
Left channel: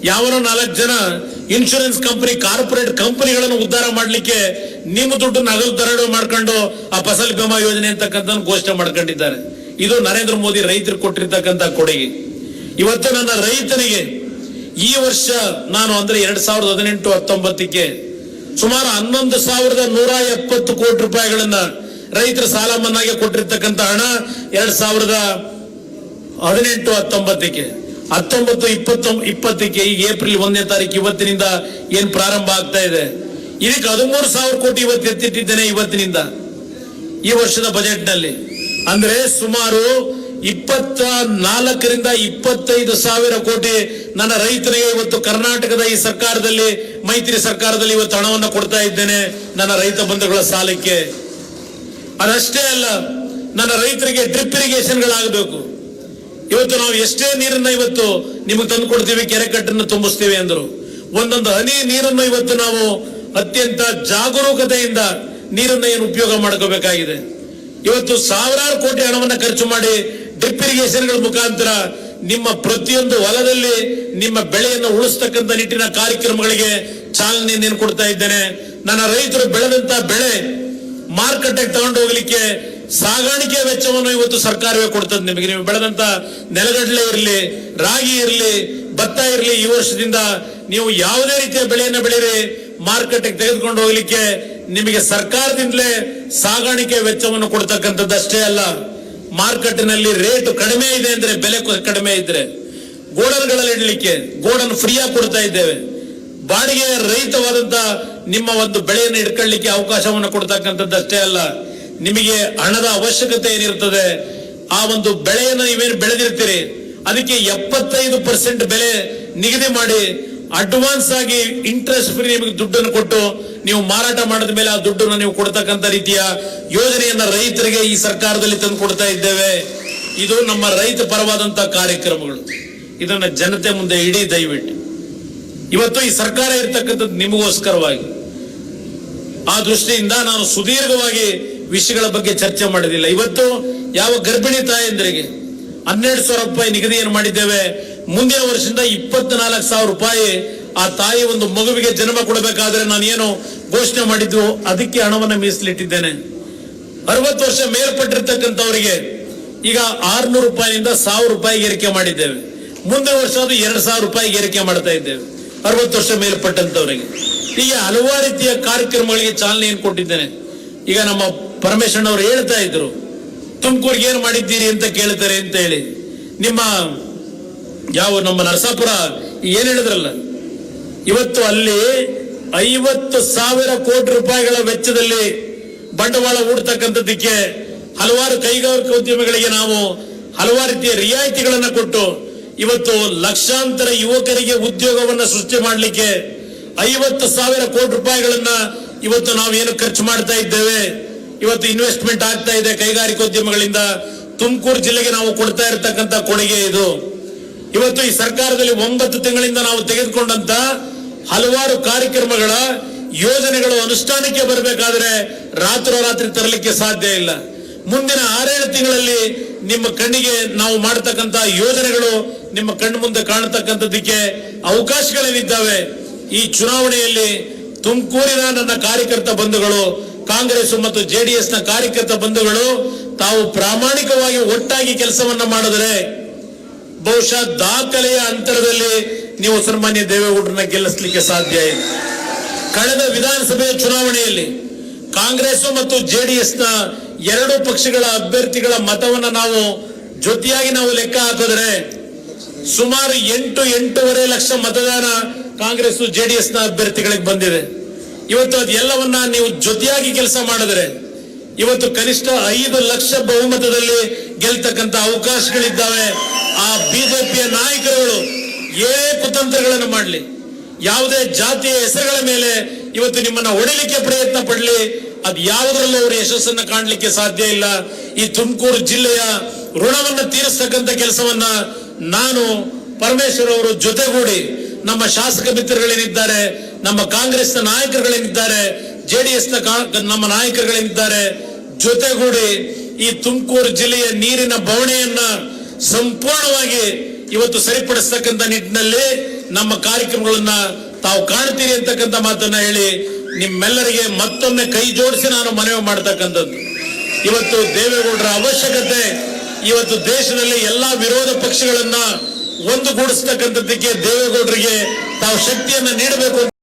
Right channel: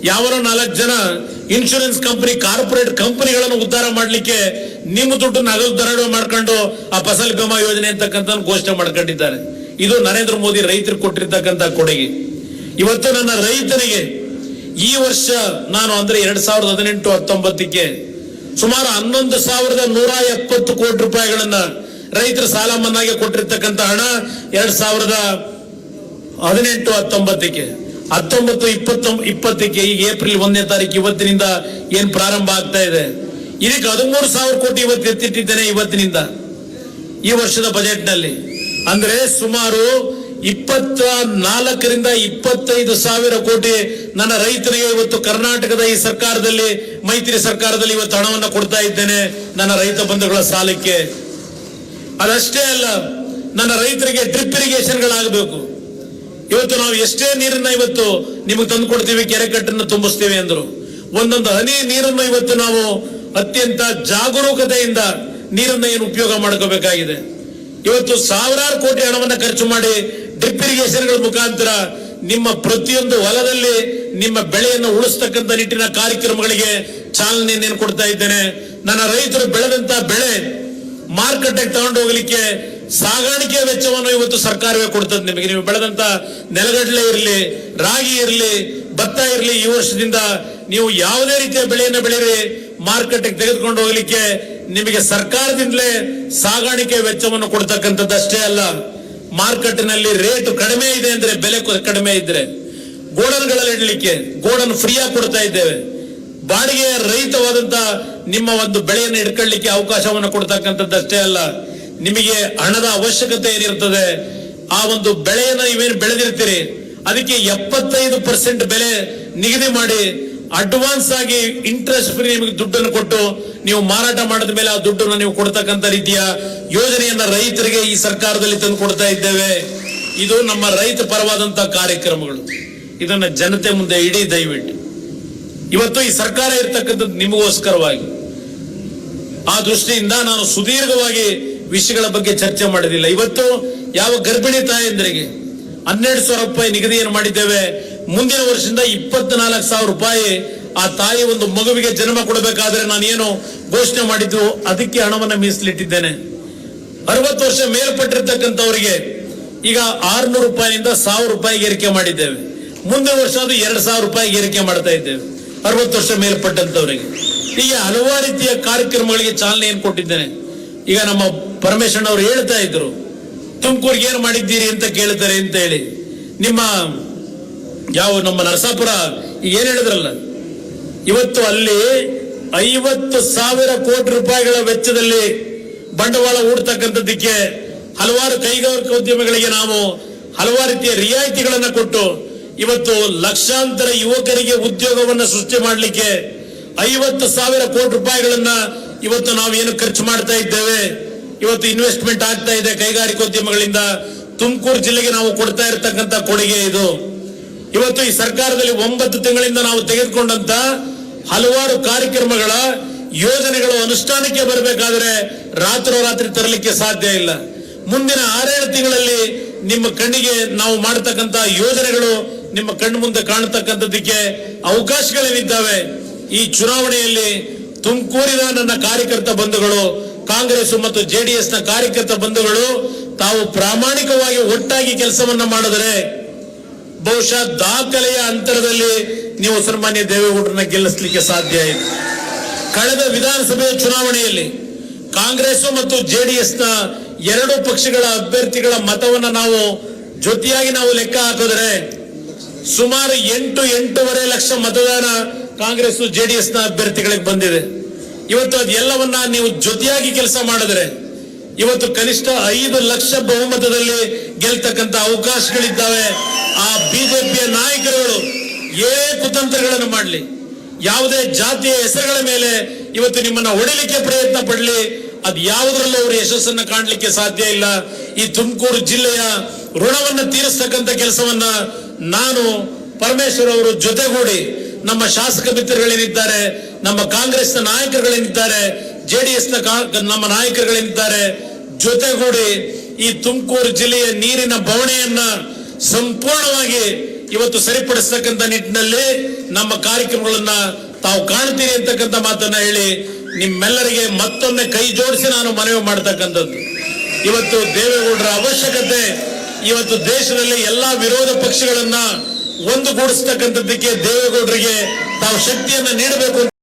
ಯಾವನೋ 4 ಜನ ಇನ್ಶೂರೆನ್ಸ್ ಕಂಪನಿ, ಕಾರ್ಪೊರೇಟ್ ಕಂಪನಿಗಳನ್ನು ಉದ್ಧಾರ ಮಾಡಲಿಕ್ಕೆ ನಿಮ್ಮ ದುಡ್ಡು ನಗದು ದರೋಡೆ ಮಾಡ್ಕೊಂಡು ಆ ಫಸಲ್ ಬಿಮಾ ಯೋಜನೆ ಅಂತಕ್ಕಂಥ ಘೋಷಣೆ ಮಾಡ್ಕೊಂಡಿದ್ದಾರೆ. ಇದು ನರೇಂದ್ರ ಮೋದಿ ರೈತರು ಕೊಟ್ಟಿರ್ತಕ್ಕಂಥ ಕೊಡುಗೆ. ಇವತ್ತು ನನ್ನ ರೈತನಿಗೆ ಈ ವರ್ಷ ನಾನು ಅಂದ್ರೆ 2018-19ಕ್ಕೆ ಸುಮಾರು 11,170 ಕೋಟಿ ರೂಪಾಯಿಗಳನ್ನ ರೈತರ ಸಾಲ ಮನ್ನಾಗೆ ಕೊಟ್ಟಿರ್ತಕ್ಕಂಥ ಹಣ 2018-19ಕ್ಕೆ 19-20-20ಕ್ಕೆ ಈಗ ಏಪ್ರಿಲ್ 1ನೇ ತಾರೀಕು ಇವತ್ತಿನಿಂದ ಏನ್ ಪ್ರಾರಂಭ ಆಗ್ತಾ ಇದೆ, ಇದಕ್ಕೆ 13,000 ಕೋಟಿ ಇವತ್ತು ಎತ್ತಿಟ್ಟಿದ್ದೇನೆ ಇವತ್ತಿನಿಂದ ಈ ವರ್ಷದ ಬಜೆಟ್ ನಲ್ಲಿ. ಅಂದ್ರೆ ಸುಮಾರು 24,000-25,000 ಕೋಟಿ ನನ್ನ ರೈತರಿಗೆ ಇವತ್ತು ಕರ್ನಾಟಕದ ಈ ಸರ್ಕಾರದಲ್ಲಿ, ಮೈತ್ರಿ ಸರ್ಕಾರದಲ್ಲಿ ಇವತ್ತು ಹಣವನ್ನು ಕೊಡ್ತಾ ಇದ್ದೇನೆ ನನ್ನ ರೈತ ಬಂಧುಗಳ ಸಾಲಕ್ಕೆ. ಅದಷ್ಟೇ ಅಲ್ಲ, ನನ್ನ ರೈತರಿಗೆ ಡ್ರಿಪ್ ಇರಿಗೇಷನ್ಗಳಾಗಬೇಕು. ಇವತ್ತು ನಾವು ಎಷ್ಟೇ ನೀರನ್ನ ಇವತ್ತು ನಿಮಗೆ ತಂದು ಕೊಡ್ತೀವಿ, ಕೆರೆ ಕಟ್ಟನ್ನು ತುಂಬಿಸ್ತೀವಿ ಅಂದ್ರು, ಒಂದೊಂದು ಹನಿ ನೀರನ್ನು ಇವತ್ತು ನಾವು ಅತ್ಯಂತ ಜಾಗರೂಕತೆಯಿಂದ ನೀರನ್ನ ಏನು ಉಪಯೋಗ ಮಾಡ್ಕೋಬೇಕಾಗಿದೆ. ಇವತ್ತು ಸಾವಿರಾರು ಕೋಟಿ ಹಣವನ್ನ ಖರ್ಚು ಮಾಡಿ ಡ್ರಿಪ್ ಇರಿಗೇಷನ್ಗಳ ಮುಖಾಂತರ ನಿಮ್ಮ ಪ್ರತಿಯೊಂದು ಹೊಲದಲ್ಲಿ ನಿಮ್ಮ ಬೆಳೆಯನ್ನು ಉಳಿಸ್ತಕ್ಕಂಥ ನಿಟ್ಟಿನ ಕಾರ್ಯಕ್ರಮಗಳಿಗೆ ಚಾಲನೆಯನ್ನು ಕೊಡ್ತಾ ಇದ್ದೇನೆ. ನನ್ನ ರೈತರು ಬೆಳೆದಂತ ಬೆಳೆ ಮಾರುಕಟ್ಟೆಗೆ ತಗೊಂಡು ಹೋಗ್ಲಿಕ್ಕೆ ಸಾಗಾಣಿಕೆ ವೆಚ್ಚವನ್ನು ಇವತ್ತು ಸರ್ಕಾರವೇ ಕೊಡ್ತದೆ ನಿಮಗೆ. ನೀವು ಬೆಳೆದಂತ ನೆಲಗಡಲೆ ಇರಲಿ, ರಾಗಿ ಇರಲಿ, ಭತ್ತ ಇರಲಿ, ಈ ವರ್ಷದಿಂದ ನೀವು ಯಾವುದೇ ರೀತಿಯ ಬೆಳೆಯನ್ನು ಬೆಳೀರಿ, ಮಾರುಕಟ್ಟೆಗೆ ತೆಗೆದುಕೊಂಡು ಹೋಗ್ಲಿಕ್ಕೆ ನಿಮಗೆ ಸರ್ಕಾರದಿಂದಲೇ ಸಾಗಾಣಿಕೆ ವೆಚ್ಚವನ್ನು ಕೊಡ್ತಕ್ಕಂಥದ್ದಷ್ಟೇ ಅಲ್ಲ, ಮಾರುಕಟ್ಟೆನಲ್ಲಿ ರೇಟ್ ಕಡಿಮೆ ಇದೆ ಅಂದ್ರೆ, ಬೆಲೆ ಕಡಿಮೆ ಇದ್ರೆ ಗೋಡನ್ಗಳಲ್ಲಿ ಇಡಲಿಕ್ಕೆ ಗೋಡನ್ ಫ್ರೀಯಾಗಿ ಕೊಡ್ತಾ ಇದ್ದೇವೆ. ಬಾಡಿಗೆ ರಹಿತವಾದಂತ ನಿಮ್ಮ ಒಂದು ಬೆಳೆಯನ್ನು ಇಟ್ಕೊಳ್ಳಿಕ್ಕೆ ಅವಕಾಶವನ್ನು ಕೊಡ್ತಕ್ಕಂಥದ್ದಷ್ಟೇ ಅಲ್ಲ, ನಿಮಗೆ ಹಣದ ಅವಶ್ಯಕತೆ ಏನಿರ್ತದೆ, ಆ ಒಂದು ಬೆಳೆಯನ್ನು ನೀವೇನು ಬೆಳೆದಿರ್ತೀರಿ ಅದಕ್ಕೆ 75% ಬೆಲೆ ನಿಗದಿ ಮಾಡಿ ಅಡ್ವಾನ್ಸ್ ಆಗಿ ಇಂಟ್ರೆಸ್ಟ್ ಫ್ರೀ ನಿಮಗೆ ದುಡ್ಡನ್ನು ಕೊಟ್ಟು ನೀವು ಮಾರಾಟ ಮಾಡಿದ ಮೇಲೆ ಆ ದುಡ್ಡನ್ನು ನೀವು ಕೊಡ್ತಕ್ಕಂಥ ರೀತಿಯ ಯೋಜನೆಯನ್ನ ರೈತರಿಗೆ ಈ ಸರ್ಕಾರದಲ್ಲಿ ತಂದು ಕೊಡ್ತಾ ಇದ್ದೇವೆ. ಇದು ನಮ್ಮ ರೈತ ಪರವಾದಂತಹ ಕಾರ್ಯಕ್ರಮಗಳು. ಇದನ್ನ ಜನತೆ ಮುಂದೆ ಇಡೀ ದಯವಿಟ್ಟು. ಇವತ್ತು ಈ ಸರ್ಕಾರ ಇರ್ತಕ್ಕಂಥದ್ದು ನಿಮಗೋಸ್ಕರವಾಗಿ. ಆ ದೃಷ್ಟಿಯಿಂದ ನಾನು ಸುದೀರ್ಘವಾಗಿ ವಿಷಯಗಳ ಬಗ್ಗೆ ಚರ್ಚೆ ಮಾಡಿದಿಲ್ಲ. ಇವತ್ತು ಯಾವ ಗರ್ಭಿಣಿ ತಾಯಂದರಿಗೆ 12,000 ರೂಪಾಯಿ ನಿಗದಿಯನ್ನು ಮಾಡಿದ್ದೇವೆ. ಮುಂದಿನ ವರ್ಷದಿಂದ 24,000 ರೂಪಾಯಿ ಆ ತಾಯಿ ಒಂದು ಮಗುವಿಗೆ ಜನ್ಮ ಕೊಡಬೇಕಾದ್ರೆ ನಾನು ಏನು ಘೋಷಣೆ ಮಾಡಿದ್ದು ಅದಕ್ಕೆ ಹಣವನ್ನು ಮೀಸಲಿಟ್ಟಿದ್ದೇನೆ. 60 ವರ್ಷ ಮೇಲ್ಪಟ್ಟಿರ್ತಕ್ಕಂಥವರಿಗೆ ಈಗ 600 ರೂಪಾಯಿನಿಂದ 1,000 ರೂಪಾಯಿಗೆ ಏರಿಕೆ ಮಾಡಿದ್ದೇವೆ. ಮುಂದಿನ ವರ್ಷ ಅದು 2,000 ರೂಪಾಯಿಗೆ ಏರಿಕೆ ಮಾಡ್ತಾ ಇದ್ದೇವೆ 60 ವರ್ಷ ಮೇಲ್ಪಟ್ಟಂತವರಿಗೆ. ಹೀಗೆ ಹಲವಾರು ರೀತಿಯ ಕಾರ್ಯಕ್ರಮಗಳಿಗೆ ಚಾಲನೆಯನ್ನು ಕೊಟ್ಟಿದ್ದೇನೆ. ಈಗ ನಮ್ಮ ಪರಮೇಶ್ವರನ್ ಅವರು ಹೇಳ್ತಾ ಇದ್ರು, ತುಮಕೂರಿಗೆ ಏನು ಮಾಡಿದ್ದೀರಿ ಅಂತ ಕೇಳ್ತಾರೆ ಅಂತ ಹೇಳಿ. ನಿಮ್ಮ ನಮ್ಮ ನರಸಾಪುರ ಏನ್ ಹೇಳಿದ್ರಲ್ಲ, ಇವತ್ತು ಅಲ್ಲಿ 50,000 ಕೋಟಿ ರೂಪಾಯಿಗಳ ವೆಚ್ಚದಲ್ಲಿ ಬಂಡವಾಳ ಹೂಡ್ತಕ್ಕಂಥದ್ದಕ್ಕೆ ಹಲವಾರು ಕೈಗಾರಿಕಾ ಉದ್ಯಮಿಗಳಿಗೆ ನಾವು ಹಲವಾರು ರೀತಿಯ ರಿಯಾಯಿತಿಗಳನ್ನ ಕೊಟ್ಟು ಇವತ್ತು ಲಕ್ಷಾಂತರ ಯುವಕರಿಗೆ ಉದ್ಯೋಗವನ್ನ ಸೃಷ್ಟಿ ಮಾಡಲಿಕ್ಕೆ 50,000 ಕೋಟಿ ರೂಪಾಯಿಗಳನ್ನ ಇವತ್ತು ನಾವು ಏನು ಖರ್ಚು ಮಾಡ್ತಾ ಇದ್ದೇವೆ. ಇವತ್ತು ಇನ್ವೆಸ್ಟ್ಮೆಂಟ್ ಆಗ್ತಾ ಇದೆ ಕೈಗಾರಿಕೋದ್ಯಮಗಳಿಂದ. ತುಮಕೂರು ಜಿಲ್ಲೆಗೆ ನಾವು ಕೊಡ್ತಾ ಇರತಕ್ಕಂತ ಕೊಡುಗೆ ಇದು. ಇವತ್ತು ಈ ಸರ್ಕಾರದಲ್ಲಿ 9 ತಿಂಗಳಿಂದ ನಾವು ತೆಗೆದುಕೊಂಡಂತ ಹಲವಾರು ಕಾರ್ಯಕ್ರಮಗಳ ಯೋಜನೆಗಳು ಅನುಷ್ಠಾನಕ್ಕೆ ಬರಬೇಕಾದ್ರೆ ರಾತ್ರೋರಾತ್ರಿ ತರಲಿಕ್ಕೆ ಸಾಧ್ಯ ಇಲ್ಲ. ಮುಂದಿನ 6-7 ತಿಂಗಳಲ್ಲಿ ನಿಮ್ಮ ಕಣ್ಣಿಗೆ ನಾವು ಮಾಡತಕ್ಕಂತ ಯೋಜನೆಗಳು ನಿಮ್ಮ ಕಣ್ಣು ಮುಂದೆ ಕಾಣತಕ್ಕಂಥದ್ದಕ್ಕೆ ಅವಕಾಶಗಳೇನಿದ್ದಾವೆ. ಈ ಚುನಾವಣೆಯಲ್ಲಿ ತುಮಕೂರಿನ ನನ್ನ ಕಾರ್ಯಕರ್ತ ಬಂಧುಗಳು, ಕಾಂಗ್ರೆಸ್ ಮತ್ತು ಜೆಡಿಎಸ್ ನ ಕಾರ್ಯಕರ್ತ ಬಂಧುಗಳು ತಾವು ಪ್ರಾಮಾಣಿಕವಾಗಿ ಒಟ್ಟಾಗಿ ಕೆಲಸವನ್ನ ಮಾಡಿದರೆ ಬಹುಶಃ ದಾಖಲೆಯ ಅಂತರದಲ್ಲಿ ನೀವು ಸನ್ಮಾನ್ಯ ದೇವೇಗೌಡರನ್ನ ಗೆಲ್ಲಿಸಲಿಕ್ಕೆ ಸಾಧ್ಯ ಇದೆ. ಕಳೆದ ವಿಧಾನಸಭೆಯ ಚುನಾವಣೆಯಲ್ಲಿ ಕಾಂಗ್ರೆಸ್ ಮತ್ತು ಜೆಡಿಎಸ್ ನ 2 ಪಕ್ಷಗಳ ಅಭ್ಯರ್ಥಿಗಳ ಮತವನ್ನ ನಾವು ಜೊತೆಯಾಗಿ ನಾವು ಲೆಕ್ಕ ಹಾಕಿದ್ರೆ ಸುಮಾರು 8-8.5 ಲಕ್ಷ ಮತದಾನ ಕಾಂಗ್ರೆಸ್ ಜೆಡಿಎಸ್ ನ ಅಭ್ಯರ್ಥಿಗಳಿಗೆ ಬಂದಿದೆ. ಇವತ್ತು ಅದೆಲ್ಲವನ್ನ ನೀವು ಜೊತೆಯಾಗಿ ಕೆಲಸ ಮಾಡಿದ್ರೆ ಇವತ್ತು ಕನಿಷ್ಠ 5 ಲಕ್ಷ ಬಹುಮತದಲ್ಲಿ ಗೆಲ್ತಕ್ಕಂತ ಅವಕಾಶಗಳಿದ್ದಾವೆ. ಆ ಬಿಜೆಪಿಯ ನಾಯಕರುಗಳು ಏನೇ ಕುತಂತ್ರಗಳನ್ನು ಮಾಡಲಿ, ಯಾವುದೇ ಜಾತಿಯ ಹೆಸರುಗಳ ಮೇಲೆ ಇವತ್ತು ನಿಮ್ಮನ್ನ ಹೊಡಿಲಿಕ್ಕೆ ಪ್ರಯತ್ನ ಪಡಲಿ, ಅದು ಯಾವುದರಲ್ಲೂ ಅವರು ಯಶಸ್ಸನ್ನ ಕಾಣಲಿಕ್ಕೆ ಸಾಧ್ಯ ಇಲ್ಲ. ಈ ತುಮಕೂರು ಜಿಲ್ಲೆಯ ಋಣವನ್ನು ತೀರಿಸ್ತಕ್ಕಂಥ ಕೆಲಸವನ್ನ ನಾನು ಪರಮೇಶ್ವರ್ ಅವರು ಜೊತೆಗೂಡಿ ನಮ್ಮ ಶಾಸಕ ಮಿತ್ರಗಳೇನಿದ್ದಾರೆ, ನಮ್ಮ ಕಾಂಗ್ರೆಸ್ನ ನಾಯಕರುಗಳೇನಿದ್ದಾರೆ, ಜೆಡಿಎಸ್ ನ ನಮ್ಮ ನಾಯಕರುಗಳೇನಿದ್ದಾರೆ, ಜೊತೆಗೂಡಿ ಈ ತುಮಕೂರು ಜಿಲ್ಲೆಯ ನೀರಿನ ಬವಣೆಯನ್ನ ಸಂಪೂರ್ಣವಾಗಿ ಇವತ್ತು ಸರಿಪಡಿಸ್ತಕ್ಕಂಥ ನಿಟ್ಟಿನಲ್ಲಿ ನಮ್ಮ ಕಾರ್ಯಕ್ರಮಗಳನ್ನ ತಾವು ಕಾಣ್ತೀರಿ ಅಂತಕ್ಕಂಥ ಮಾತನ್ನ ಹೇಳಿ ನಿಮ್ಮೆಲ್ಲರಿಗೆ ಮತ್ತೊಮ್ಮೆ ಕೈ ಜೋಡಿಸಿ ನಾನು ಮನವಿ ಮಾಡ್ತಕ್ಕಂಥದ್ದು. ಇವತ್ತು ದೇವೇಗೌಡರ ಅವಶ್ಯಕತೆ ಇವತ್ತು ದೇಶದಲ್ಲಿ ಎಲ್ಲಾ ವಿರೋಧ ಪಕ್ಷಗಳನ್ನ ಒಂದುಗೂಡಿಸ್ತಕ್ಕಂಥದ್ದಕ್ಕೆ ದೇವೇಗೌಡರಿಗೆ ತಾವು ಶಕ್ತಿಯನ್ನ ನೀಡಬೇಕು.